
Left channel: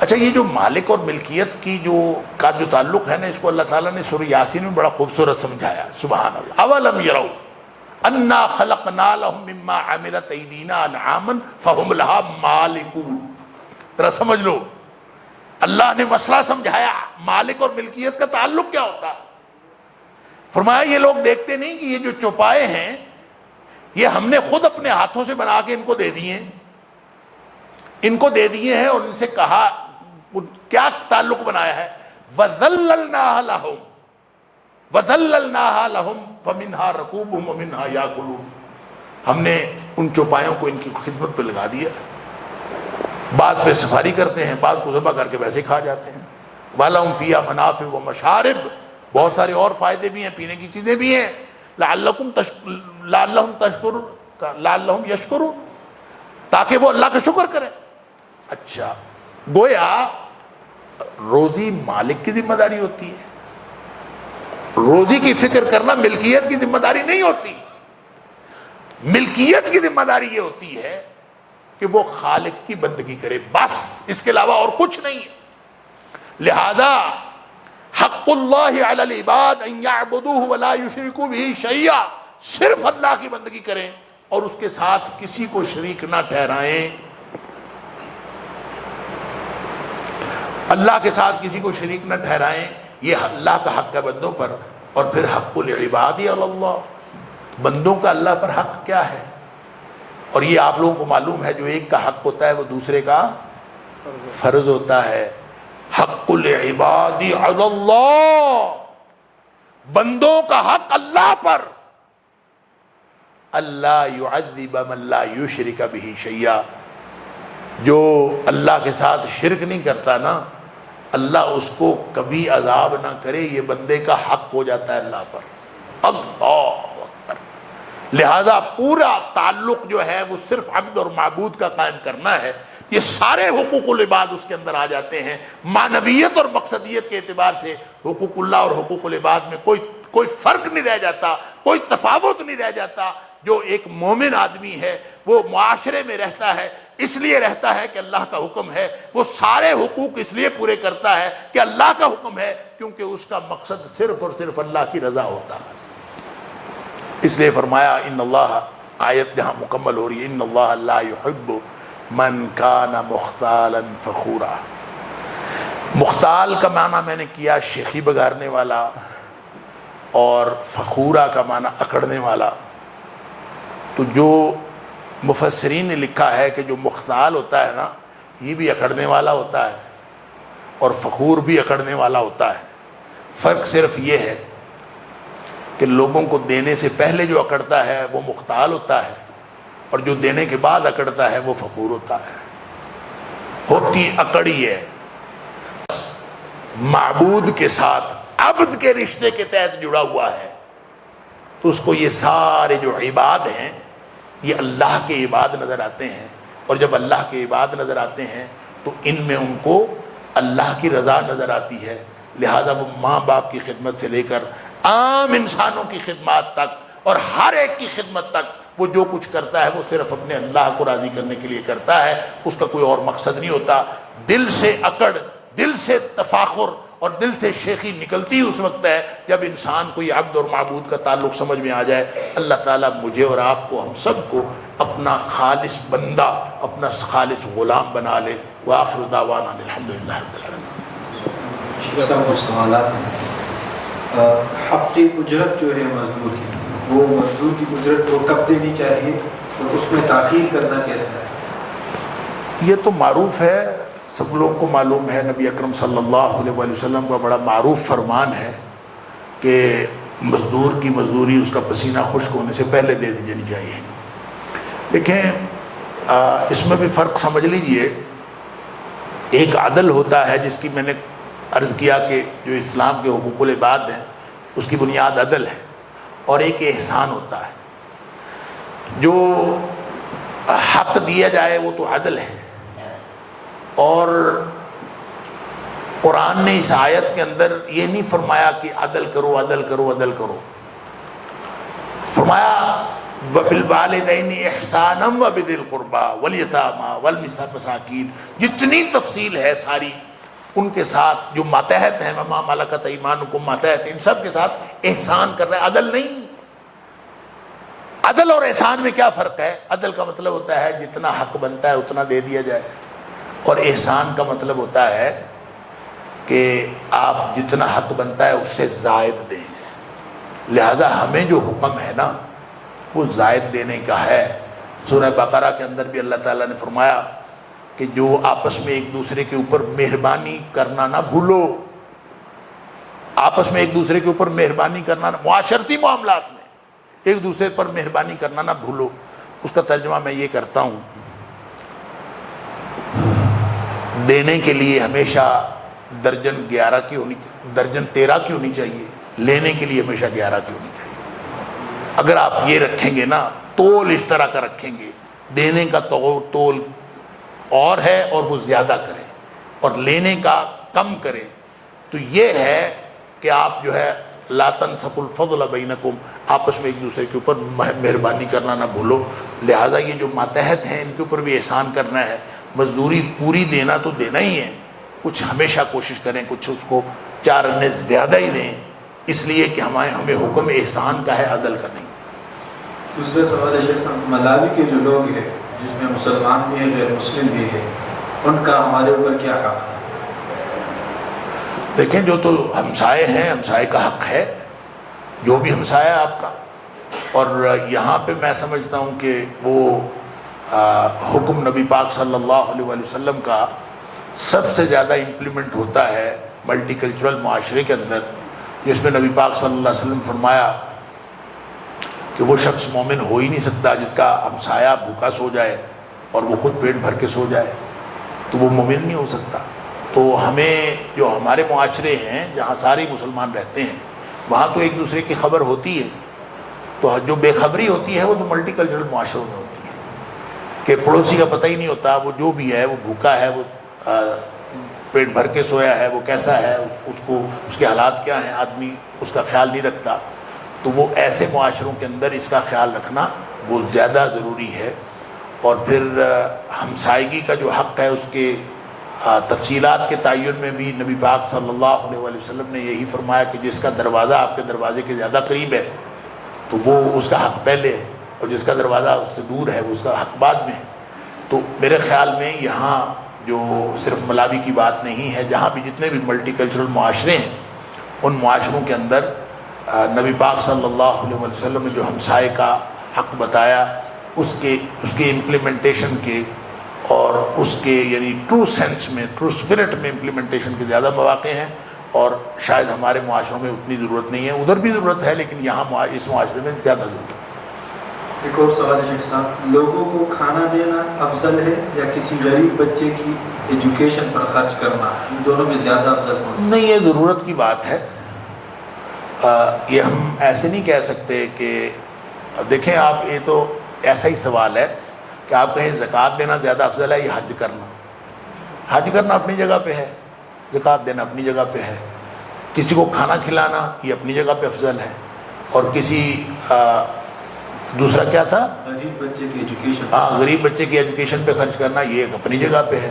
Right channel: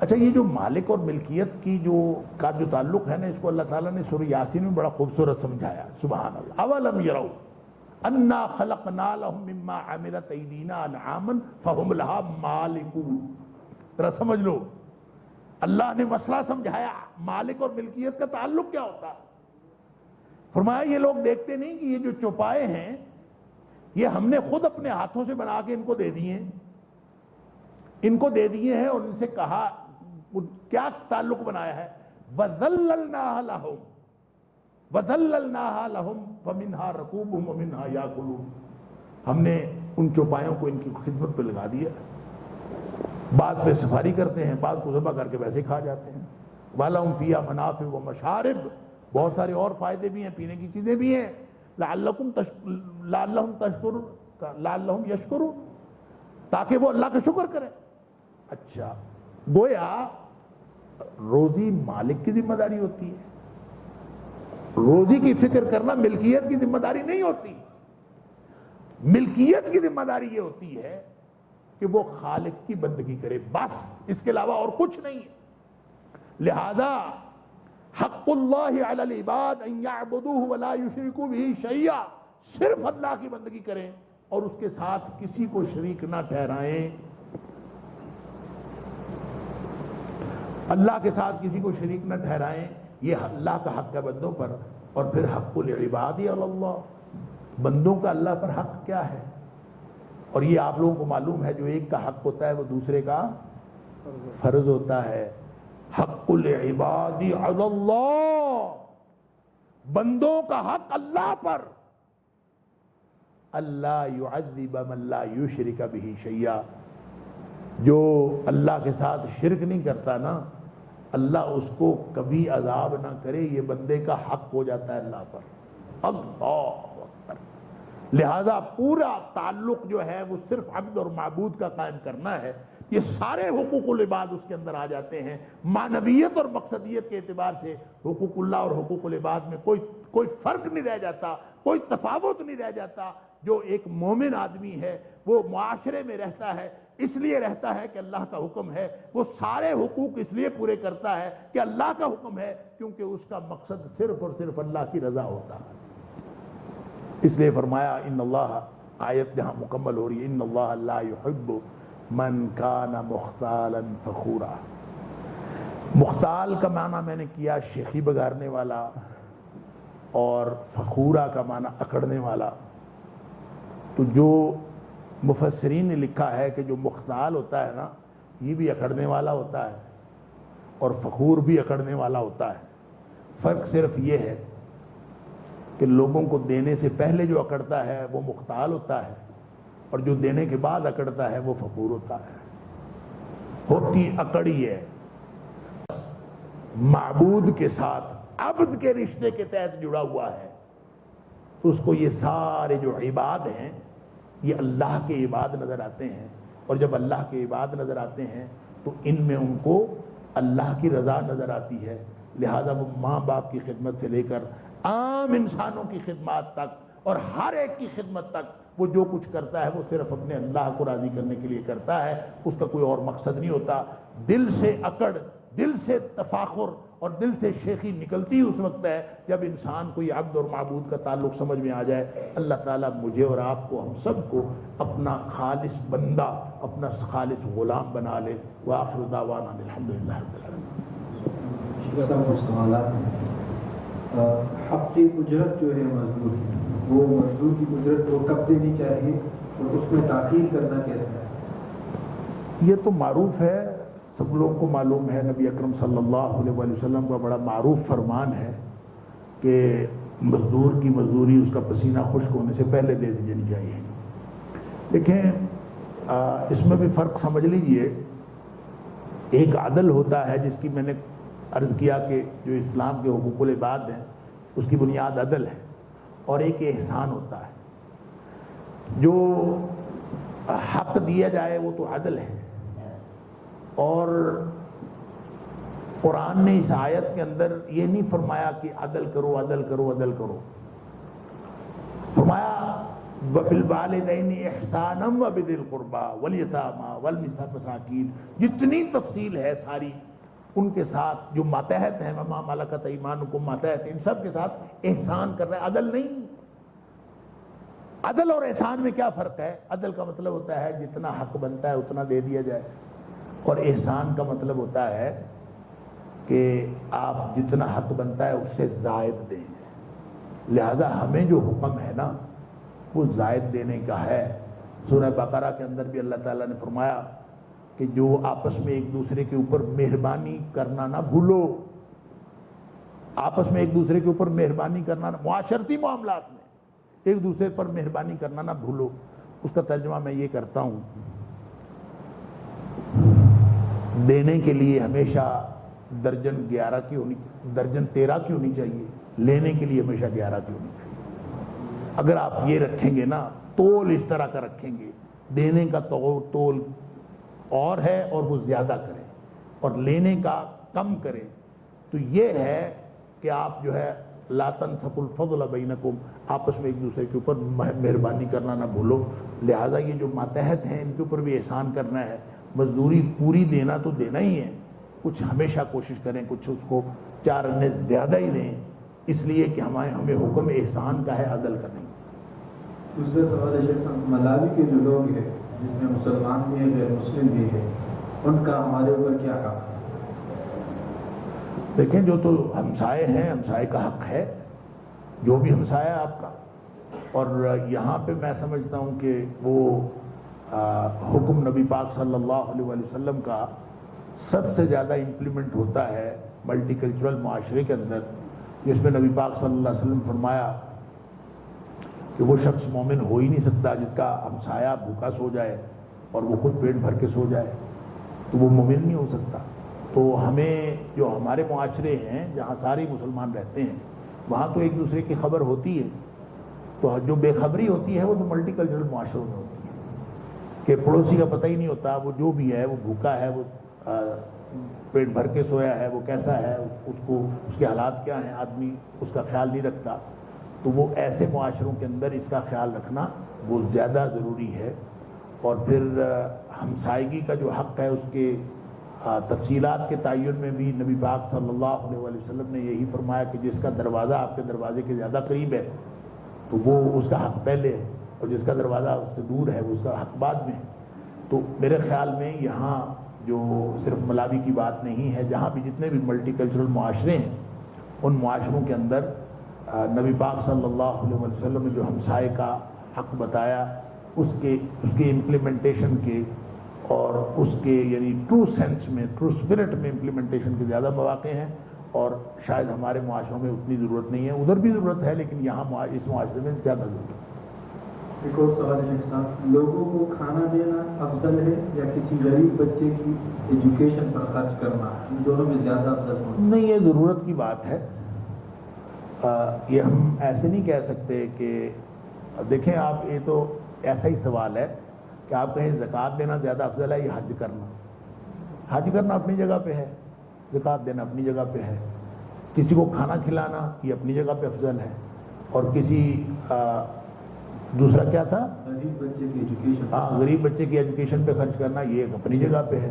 اچھا، یہ جو مالک اور ملکیت کی جو تعلق ہے نا، اس کو اللہ تعالیٰ نے سورہ یاسین میں بڑا خوبصورت سمجھایا. سبحان اللہ. اولم یروا انا خلقنا لهم مما عملت ایدینا انعاما فهم لها مالکون. ذرا سمجھ لو، اللہ نے مسئلہ سمجھایا مالک اور ملکیت کا تعلق کیا ہوتا ہے. فرمایا یہ لوگ دیکھتے نہیں کہ یہ جو چوپائے ہیں یہ ہم نے خود اپنے ہاتھوں سے بنا کے ان کو دے دیے ہیں، ان کو دے دیے ہیں، اور ان سے کہا کیا تعلق بنایا ہے، وَذَلَّلْنَاهَا لَهُمْ وَذَلَّلْنَاهَا لَهُمْ فَمِنْهَا رَكُوبُهُمْ وَمِنْهَا يَأْكُلُونَ. ہم نے ان چوپایوں کو ان کی خدمت پہ لگا دیا. بعض پہ سفاری کرتے ہیں، بعض کو ذبح کر کے ویسے کھا جاتے ہیں. وَلَهُمْ فِيهَا مَنَافِعُ وَمَشَارِبُ، بہت سارے اور فائدے بھی ہیں، پینے کی چیزیں بھی ہیں. لَعَلَّهُمْ يَشْكُرُونَ، تاکہ وہ اللہ کا شکر کریں. اچھا، گویا روزی مالک کی ذمہ داری ہوتی ہے، روزی کی فکر کرنا ملکیت کی ذمہ داری نہیں ہوتی. ملکیت کی ذمہ داری یہ ہوتی ہے کہ وہ خالق کی بندگی کرے، بس، اس کے علاوہ اور کچھ نہیں ہے. لہذا حق اللہ علی العباد ان یعبدوہ ولا یشرکوا بہ شیئا، صرف اللہ کی بندگی کریں اور اس کے ساتھ کسی کو شریک نہ ٹھہرائیں. اللہ کے ساتھ کسی کو شریک نہ ٹھہرائیں، یہ اللہ کا حق ہے بندوں پر. اور پھر حق العباد علی اللہ، بندوں کا اللہ پر حق کیا ہے؟ اور یہ آپ لوگوں کو معلوم ہے، جو ایک کا حق ہوتا ہے وہ دوسرے کا فرض ہوتا ہے. حق العباد علی اللہ، بندوں کا حق اللہ پر، اللہ یعذب من لا یشرک بہ شیئا. جو اللہ کے ساتھ شرک نہیں کرتا نا، اللہ اس کو کبھی عذاب نہ کرے، یہ بندے کا حق ہو جاتا ہے اللہ پر. اللہ اکبر. لہذا پورا تعلق جو ہے وہ صرف عبد اور معبود کا قائم کرنا ہے. یہ سارے حقوق العباد اس کے اندر آ جاتے ہیں. معنویت اور مقصدیت کے اعتبار سے حقوق اللہ اور حقوق العباد میں کوئی فرق نہیں رہ جاتا، کوئی تفاوت نہیں رہ جاتا. جو ایک مومن آدمی ہے وہ معاشرے میں رہتا ہے، اس لیے رہتا ہے کہ اللہ کا حکم ہے، وہ سارے حقوق اس لیے پورے کرتا ہے کہ اللہ کا حکم ہے، کیونکہ اس کا مقصد صرف اور صرف اللہ کی رضا ہوتا ہے. اس لیے فرمایا ان اللہ، آیت جہاں مکمل ہو رہی ہے، ان اللہ لا يحب من کان مختالا فخورا. مختال کا معنی میں نے کیا شیخی بگارنے والا، اور فخورا کا معنی اکڑنے والا. تو جو مفسرین نے لکھا ہے کہ جو مختال ہوتا ہے نا، یہ بھی اکڑنے والا ہوتا ہے اور فخور بھی اکڑنے والا ہوتا ہے. فرق صرف یہ ہے کہ لوگوں کو دینے سے پہلے جو اکڑتا ہے وہ مختال ہوتا ہے، اور جو دینے کے بعد اکڑتا ہے وہ فخور ہوتا ہے. ہوتی اکڑی ہے معبود کے ساتھ عبد کے رشتے کے تحت جڑا ہوا ہے، تو اس کو یہ سارے جو عباد ہیں یہ اللہ کے عباد نظر آتے ہیں. اور جب اللہ کے عباد نظر آتے ہیں تو ان میں ان کو اللہ کی رضا نظر آتی ہے. لہٰذا وہ ماں باپ کی خدمت سے لے کر عام انسانوں کی خدمات تک اور ہر ایک کی خدمت تک وہ جو کچھ کرتا ہے وہ صرف اپنے اللہ کو راضی کرنے کے لیے کرتا ہے، اس کا کوئی اور مقصد نہیں ہوتا. دل سے اکڑ، دل سے تفاخر اور دل سے شیخی نکلتی اس وقت ہے جب انسان کو یہ عبد اور معبود کا تعلق سمجھ میں آ جائے. اللہ تعالیٰ مجھے اور آپ کو، ہم سب کو اپنا خالص بندہ، اپنا خالص غلام بنا لے. وآخر دعوانا الحمدللہ رب العالمین. حقی اجرت جو ہے مزدور کی، وہ مزدور کی اجرت کو کب دینی چاہیے اور اس میں تاخیر کرنا کیسا ہے؟ یہ تو معروف ہے، سب لوگوں کو معلوم ہے، نبی اکرم صلی اللہ علیہ وآلہ وسلم کا بڑا معروف فرمان ہے کہ مزدور کی مزدوری اس کا پسینہ خشک ہونے سے پہلے دے دینی چاہیے۔ دیکھیں اس میں بھی فرق سمجھ لیجئے، ایک عدل ہوتا ہے جس کی میں نے عرض کیا کہ جو اسلام کے حقوق العباد ہیں اس کی بنیاد عدل ہے، اور ایک احسان ہوتا ہے۔ جو حق دیا جائے وہ تو عدل ہے، اور قرآن نے اس آیت کے اندر یہ نہیں فرمایا کہ عدل کرو عدل کرو عدل کرو، فرمایا وَبِالْوَالِدَيْنِ إِحْسَانًا وَبِذِي الْقُرْبَى وَالْيَتَامَى وَالْمَسَاكِينِ، جتنی تفصیل ہے ساری ان کے ساتھ جو ماتحت ہیں، وَمَا مَلَكَتْ أَيْمَانُكُمْ ماتحت، ان سب کے ساتھ احسان کر رہے ہیں، عدل نہیں۔ عدل اور احسان میں کیا فرق ہے؟ عدل کا مطلب ہوتا ہے جتنا حق بنتا ہے اتنا دے دیا جائے، اور احسان کا مطلب ہوتا ہے کہ آپ جتنا حق بنتا ہے اس سے زائد دیں۔ لہذا ہمیں جو حکم ہے نا وہ زائد دینے کا ہے۔ سورہ بقرہ کے اندر بھی اللہ تعالیٰ نے فرمایا کہ جو آپس میں ایک دوسرے کے اوپر مہربانی کرنا نہ بھولو، آپس میں ایک دوسرے کے اوپر مہربانی کرنا نہ، معاشرتی معاملات میں ایک دوسرے پر مہربانی کرنا نہ بھولو۔ اس کا ترجمہ میں یہ کرتا ہوں، دینے کے لیے ہمیشہ درجن 11 کی ہونی، درجن 13 کی ہونی چاہیے، لینے کے لیے ہمیشہ 11 کی ہونی چاہیے۔ اگر آپ یہ رکھیں گے نا، تول اس طرح کا رکھیں گے، دینے کا تول اور ہے اور وہ زیادہ کریں، اور لینے کا کم کریں، تو یہ ہے کہ آپ جو ہے لا تنسفوا الفضل بینکم، آپس میں ایک دوسرے کے اوپر مہربانی کرنا نہ بھولو۔ لہٰذا یہ جو ماتحت ہیں ان کے اوپر بھی احسان کرنا ہے، مزدوری پوری دینا تو دینا ہی ہے، کچھ ہمیشہ کوشش کریں کچھ اس کو 4 آنے زیادہ ہی دیں، اس لیے کہ ہمیں حکم احسان کا ہے، عدل کا نہیں۔ دوسرا سوال ہے شیخ صاحب، ملاوی کے جو لوگ ہیں جس میں مسلمان بھی ہیں غیر مسلم بھی ہیں، ان کا ہمارے اوپر کیا حق ہے؟ دیکھیں جو تو ہمسائے ہیں، ہمسائے کا حق ہے، جو بھی ہمسایہ ہے آپ کا، اور یہاں پہ میں سمجھتا ہوں کہ وہ حکم نبی پاک صلی اللہ علیہ وآلہ وسلم کا سب سے زیادہ امپلیمنٹ ہوتا ہے ملٹی کلچرل معاشرے کے اندر، جس میں نبی پاک صلی اللہ علیہ وسلم فرمایا کہ وہ شخص مومن ہو ہی نہیں سکتا جس کا ہمسایہ بھوکا سو جائے اور وہ خود پیٹ بھر کے سو جائے، تو وہ مومن نہیں ہو سکتا۔ تو ہمیں جو ہمارے معاشرے ہیں جہاں سارے مسلمان رہتے ہیں وہاں تو ایک دوسرے کی خبر ہوتی ہے، تو جو بے خبری ہوتی ہے وہ تو ملٹی کلچرل معاشروں میں ہوتی ہے کہ پڑوسی کا پتہ ہی نہیں ہوتا، وہ جو بھی ہے، وہ بھوکا ہے، وہ پیٹ بھر کے سویا ہے، وہ کیسا ہے، اس کے حالات کیا ہیں، آدمی اس کا خیال نہیں رکھتا۔ تو وہ ایسے معاشروں کے اندر اس کا خیال رکھنا بہت زیادہ ضروری ہے۔ اور پھر ہمسائیگی کا جو حق ہے اس کے تفصیلات کے تعین میں بھی نبی پاک صلی اللہ علیہ وآلہ وسلم نے یہی فرمایا کہ جس کا دروازہ آپ کے دروازے کے زیادہ قریب ہے تو وہ اس کا حق پہلے ہے، اور جس کا دروازہ اس سے دور ہے وہ اس کا حق بعد میں ہے۔ تو میرے خیال میں یہاں جو صرف ملاوی کی بات نہیں ہے، جہاں بھی جتنے بھی ملٹی کلچرل معاشرے ہیں ان معاشروں کے اندر نبی پاک صلی اللہ علیہ وسلم نے جو ہمسائے کا حق بتایا اس کے امپلیمنٹیشن کے، اور اس کے یعنی ٹرو سینس میں، ٹرو اسپرٹ میں امپلیمنٹیشن کے زیادہ مواقع ہیں، اور شاید ہمارے معاشروں میں اتنی ضرورت نہیں ہے، ادھر بھی ضرورت ہے لیکن یہاں اس معاشرے میں زیادہ ضرورت ہے۔ ایک اور سوال ہے شیخ صاحب، لوگوں کو کھانا دینا افضل ہے یا کسی غریب بچے کی ایجوکیشن پر خرچ کرنا، ان دونوں میں زیادہ افضل کون؟ نہیں، یہ ضرورت کی بات ہے، یہ ہم ایسے نہیں کہہ سکتے کہ دیکھیں آپ، یہ تو ایسا ہی سوال ہے کہ آپ کہیں زکوٰۃ دینا زیادہ افضل ہے یا حج کرنا۔ حج کرنا اپنی جگہ پہ ہے، زکوٰۃ دینا اپنی جگہ پہ ہے، کسی کو کھانا کھلانا یہ اپنی جگہ پہ افضل ہے، اور کسی دوسرا کیا تھا، غریب بچے کی ایجوکیشن، غریب بچے کی ایجوکیشن پہ خرچ کرنا یہ ایک اپنی جگہ پہ ہے۔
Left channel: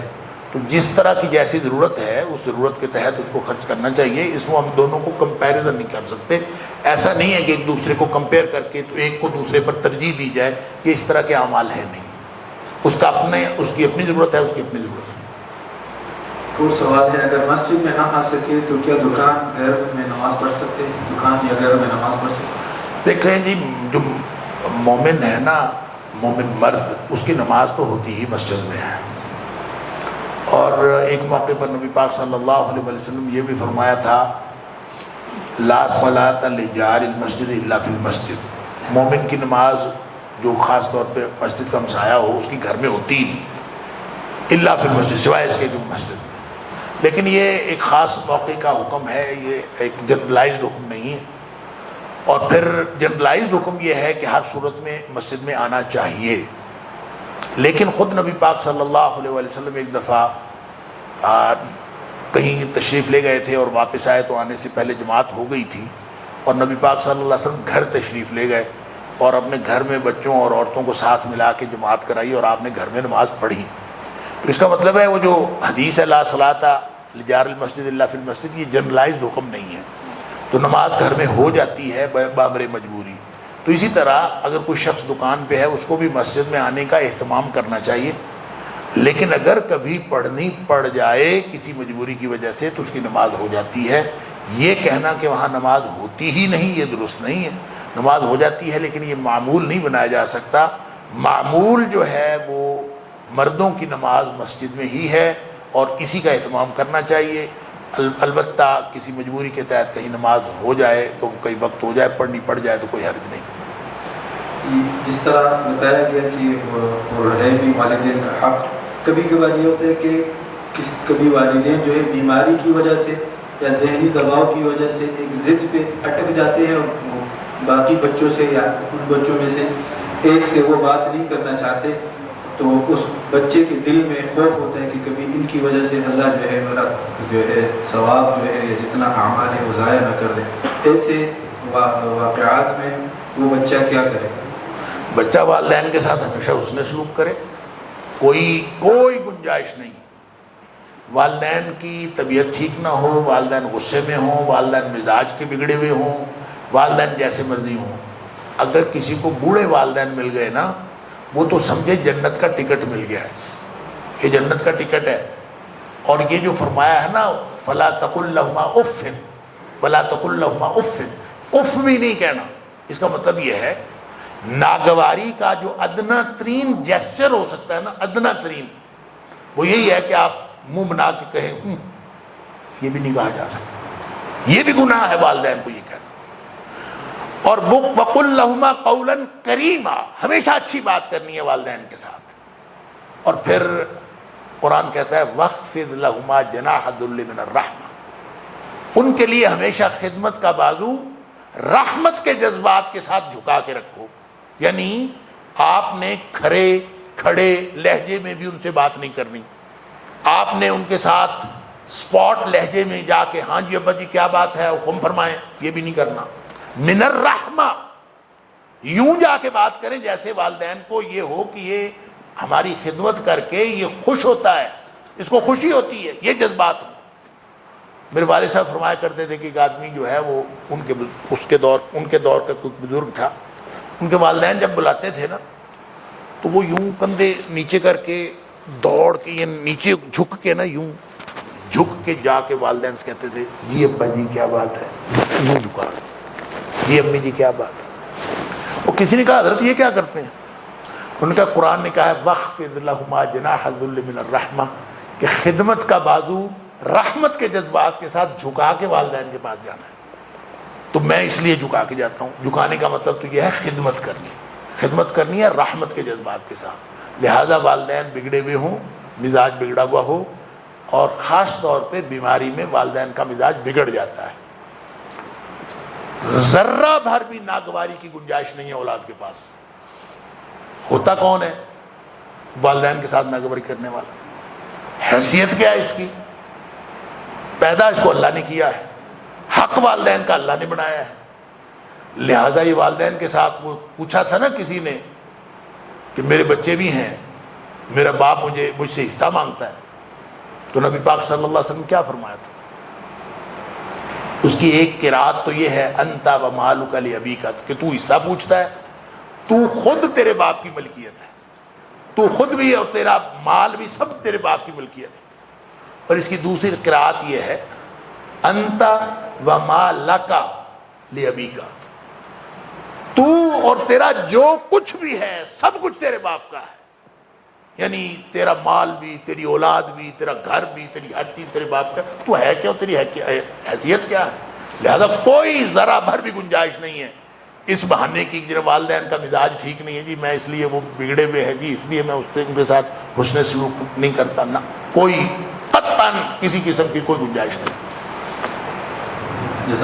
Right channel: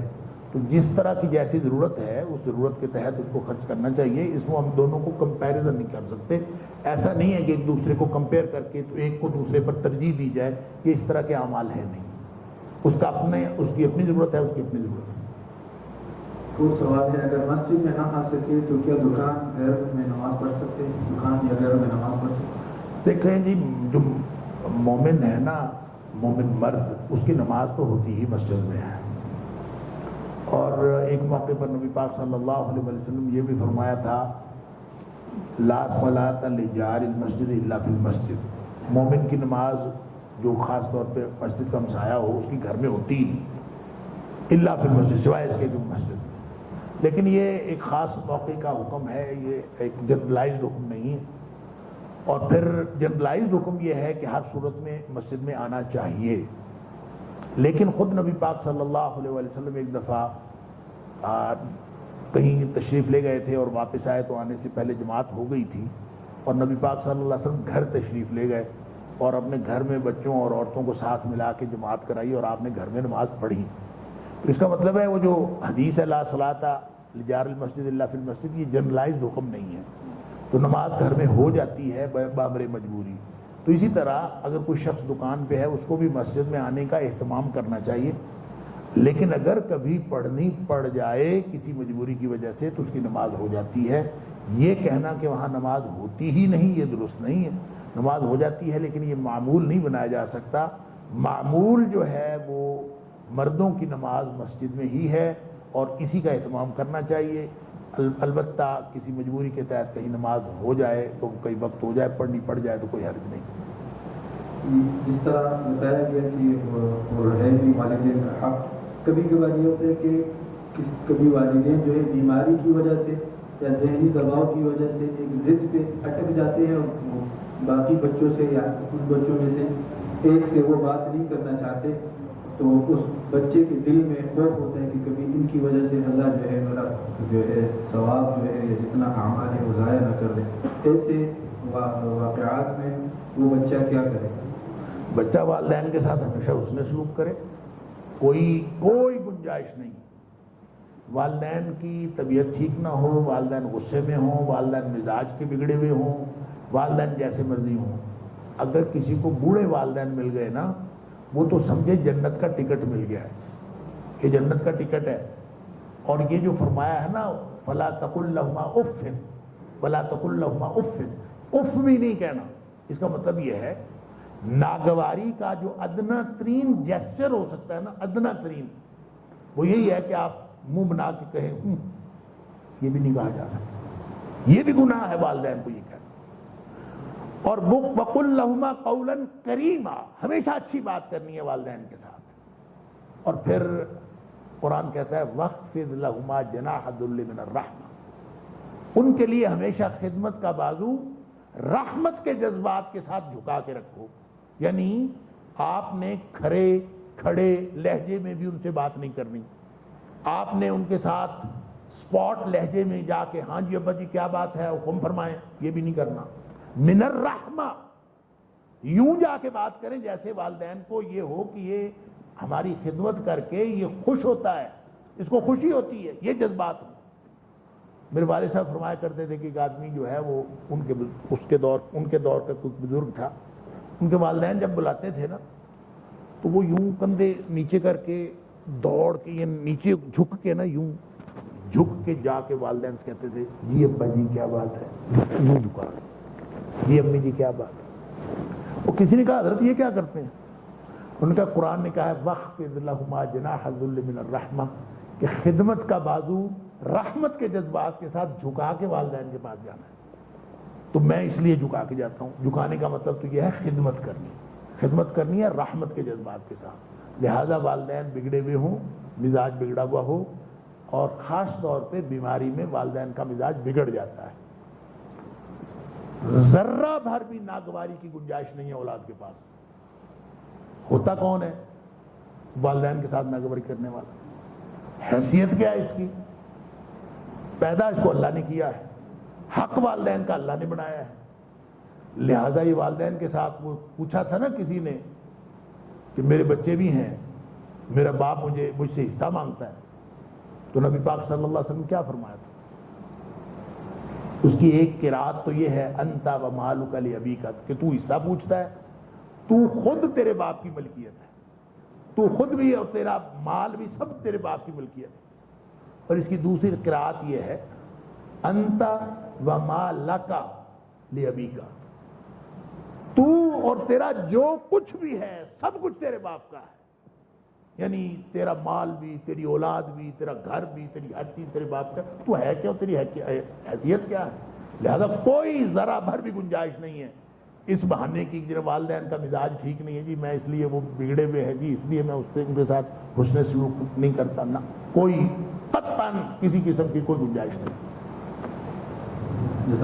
تو جس طرح کی جیسی ضرورت ہے اس ضرورت کے تحت اس کو خرچ کرنا چاہیے، اس میں ہم دونوں کو کمپیریزن نہیں کر سکتے۔ ایسا نہیں ہے کہ ایک دوسرے کو کمپیئر کر کے تو ایک کو دوسرے پر ترجیح دی جائے، کہ اس طرح کے اعمال ہیں نہیں، اس کی اپنی ضرورت ہے، اس کی اپنی ضرورت ہے۔ کو سوال ہے اگر مسجد میں نہ آ سکے تو کیا دکان گھر میں نماز پڑھ سکتے ہیں؟ دکان یا گھر میں نماز پڑھ سکتے ہیں؟ دیکھیں جی، جو مومن ہے نا، مومن مرد، اس کی نماز تو ہوتی ہی مسجد میں ہے. اور ایک موقع پر نبی پاک صلی اللہ علیہ وسلم یہ بھی فرمایا تھا، لا صلاۃ لجار المسجد الا فی المسجد. مومن کی نماز جو خاص طور پہ مسجد کا ہمسایہ ہو اس کی گھر میں ہوتی ہی نہیں، الا فی المسجد، سوائے اس کے کہ مسجد میں. لیکن یہ ایک خاص موقع کا حکم ہے، یہ ایک جنرلائزڈ حکم نہیں ہے. اور پھر جنرلائزڈ حکم یہ ہے کہ ہر صورت میں مسجد میں آنا چاہیے. لیکن خود نبی پاک صلی اللہ علیہ وسلم ایک دفعہ کہیں تشریف لے گئے تھے اور واپس آئے تو آنے سے پہلے جماعت ہو گئی تھی، اور نبی پاک صلی اللہ علیہ وسلم گھر تشریف لے گئے اور اپنے گھر میں بچوں اور عورتوں کو ساتھ ملا کے جماعت کرائی اور آپ نے گھر میں نماز پڑھی. تو اس کا مطلب ہے وہ جو حدیث ہے لا صلاۃ لجار المسجد الا فی المسجد، یہ جنرلائزڈ حکم نہیں ہے. تو نماز گھر میں ہو جاتی ہے بامر مجبوری. تو اسی طرح اگر کوئی شخص دکان پہ ہے اس کو بھی مسجد میں آنے کا اہتمام کرنا چاہیے. لیکن اگر کبھی پڑھنی پڑ جائے کسی مجبوری کی وجہ سے تو اس کی نماز ہو جاتی ہے. یہ کہنا کہ وہاں نماز ہوتی ہی نہیں یہ درست نہیں ہے. نماز ہو جاتی ہے لیکن یہ معمول نہیں بنایا جا سکتا. معمول جو ہے وہ مردوں کی نماز مسجد میں ہی ہے اور اسی کا اہتمام کرنا چاہیے. البتہ کسی مجبوری کے تحت کہیں نماز ہو جائے تو کئی وقت ہو جائے، پڑھنی پڑ جائے تو کوئی حرج نہیں. جس طرح بتایا گیا کہ اور ہے بھی والدین کا حق، کبھی کبھار یہ ہوتا ہے کہ کبھی والدین جو ہے بیماری کی وجہ سے یا ذہنی دباؤ کی وجہ سے ایک ضد پہ اٹک جاتے ہیں اور باقی بچوں سے یا ان بچوں میں سے ایک سے وہ بات نہیں کرنا چاہتے، تو اس بچے کے دل میں خوف ہوتا ہے کہ کبھی ان کی وجہ سے اللہ جو ہے میرا جو ہے ثواب جو ہے جتنا اعمال ہے وہ ضائع نہ کر دے. ایسے واقعات میں وہ بچہ کیا کرے؟ بچہ والدین کے ساتھ ہمیشہ اس نے سلوک کرے. کوئی گنجائش نہیں. والدین کی طبیعت ٹھیک نہ ہو، والدین غصے میں ہوں، والدین مزاج کے بگڑے ہوئے ہوں، والدین جیسے مرضی ہوں، اگر کسی کو بوڑھے والدین مل گئے نا، وہ تو سمجھے جنت کا ٹکٹ مل گیا ہے. یہ جنت کا ٹکٹ ہے. اور یہ جو فرمایا ہے نا فلا تقل لہما اف ولا تقل لہما اف، اف بھی نہیں کہنا. اس کا مطلب یہ ہے ناگواری کا جو ادنا ترین جیسچر ہو سکتا ہے نا، ادنا ترین، وہ یہی ہے کہ آپ منہ بنا کے کہیں یہ بھی نہیں کہا جا سکتا. یہ بھی گناہ ہے والدین کو یہ کہنا. اور وہ وَقُلْ لَهُمَا قَوْلًا كَرِيمًا، ہمیشہ اچھی بات کرنی ہے والدین کے ساتھ. اور پھر قرآن کہتا ہے وَخْفِضْ لَهُمَا جَنَاحَ الذُّلِّ مِنَ الرَّحْمَةِ، ان کے لیے ہمیشہ خدمت کا بازو رحمت کے جذبات کے ساتھ جھکا کے رکھو. یعنی آپ نے کھڑے لہجے میں بھی ان سے بات نہیں کرنی. آپ نے ان کے ساتھ سپاٹ لہجے میں جا کے ہاں جی ابا جی کیا بات ہے حکم فرمائیں، یہ بھی نہیں کرنا. من الرحمہ، یوں جا کے بات کریں جیسے والدین کو یہ ہو کہ یہ ہماری خدمت کر کے یہ خوش ہوتا ہے، اس کو خوشی ہوتی ہے، یہ جذبات ہوں. میرے والد صاحب فرمایا کرتے تھے کہ ایک آدمی جو ہے وہ ان کے دور کا کوئی بزرگ تھا، ان کے والدین جب بلاتے تھے نا تو وہ یوں کندھے نیچے کر کے دوڑ کے یہ نیچے جھک کے نا یوں جھک کے جا کے والدین سے کہتے تھے جی ابا جی کیا بات ہے، یوں جھکا، جی امی جی کیا بات ہے. وہ کسی نے کہا حضرت یہ کیا کرتے ہیں؟ انہوں نے کہا قرآن نے کہا ہے وَخْفِضْ لَهُمَا جَنَاحَ الذُّلِّ مِنَ الرَّحْمَةِ، کہ خدمت کا بازو رحمت کے جذبات کے ساتھ جھکا کے والدین کے پاس جانا ہے. تو میں اس لیے جھکا کے جاتا ہوں. جھکانے کا مطلب تو یہ ہے خدمت کرنی ہے رحمت کے جذبات کے ساتھ. لہذا والدین بگڑے ہوئے ہوں، مزاج بگڑا ہوا ہو، اور خاص طور پہ بیماری میں والدین کا مزاج بگڑ جاتا ہے، ذرہ بھر بھی ناگواری کی گنجائش نہیں ہے اولاد کے پاس. ہوتا کون ہے والدین کے ساتھ ناگواری کرنے والا؟ حیثیت کیا ہے اس کی؟ پیدا اس کو اللہ نے کیا ہے، حق والدین کا اللہ نے بنایا ہے. لہذا یہ والدین کے ساتھ وہ پوچھا تھا نا کسی نے کہ میرے بچے بھی ہیں، میرا باپ مجھ سے حصہ مانگتا ہے، تو نبی پاک صلی اللہ علیہ وسلم کیا فرمایا تھا؟ اس کی ایک قرات تو یہ ہے انت و مالک لابیک، کہ تو حصہ پوچھتا ہے، تو خود تیرے باپ کی ملکیت ہے، تو خود بھی اور تیرا مال بھی سب تیرے باپ کی ملکیت ہے. اور اس کی دوسری قرات یہ ہے انت وما لکا لابیکا، تو اور تیرا جو کچھ بھی ہے سب کچھ تیرے باپ کا ہے، یعنی تیرا مال بھی، تیری اولاد بھی، تیرا گھر بھی، تیری ہر چیز تیرے باپ کا، تو ہے کیا، تیری حیثیت کیا ہے؟ لہذا کوئی ذرا بھر بھی گنجائش نہیں ہے اس بہانے کی کہ والدین کا مزاج ٹھیک نہیں ہے جی، میں اس لیے وہ بگڑے ہوئے ہیں جی، اس لیے میں اس سے ان کے ساتھ حسن سلوک نہیں کرتا، نہ، کوئی قطعاً کسی قسم کی کوئی گنجائش نہیں۔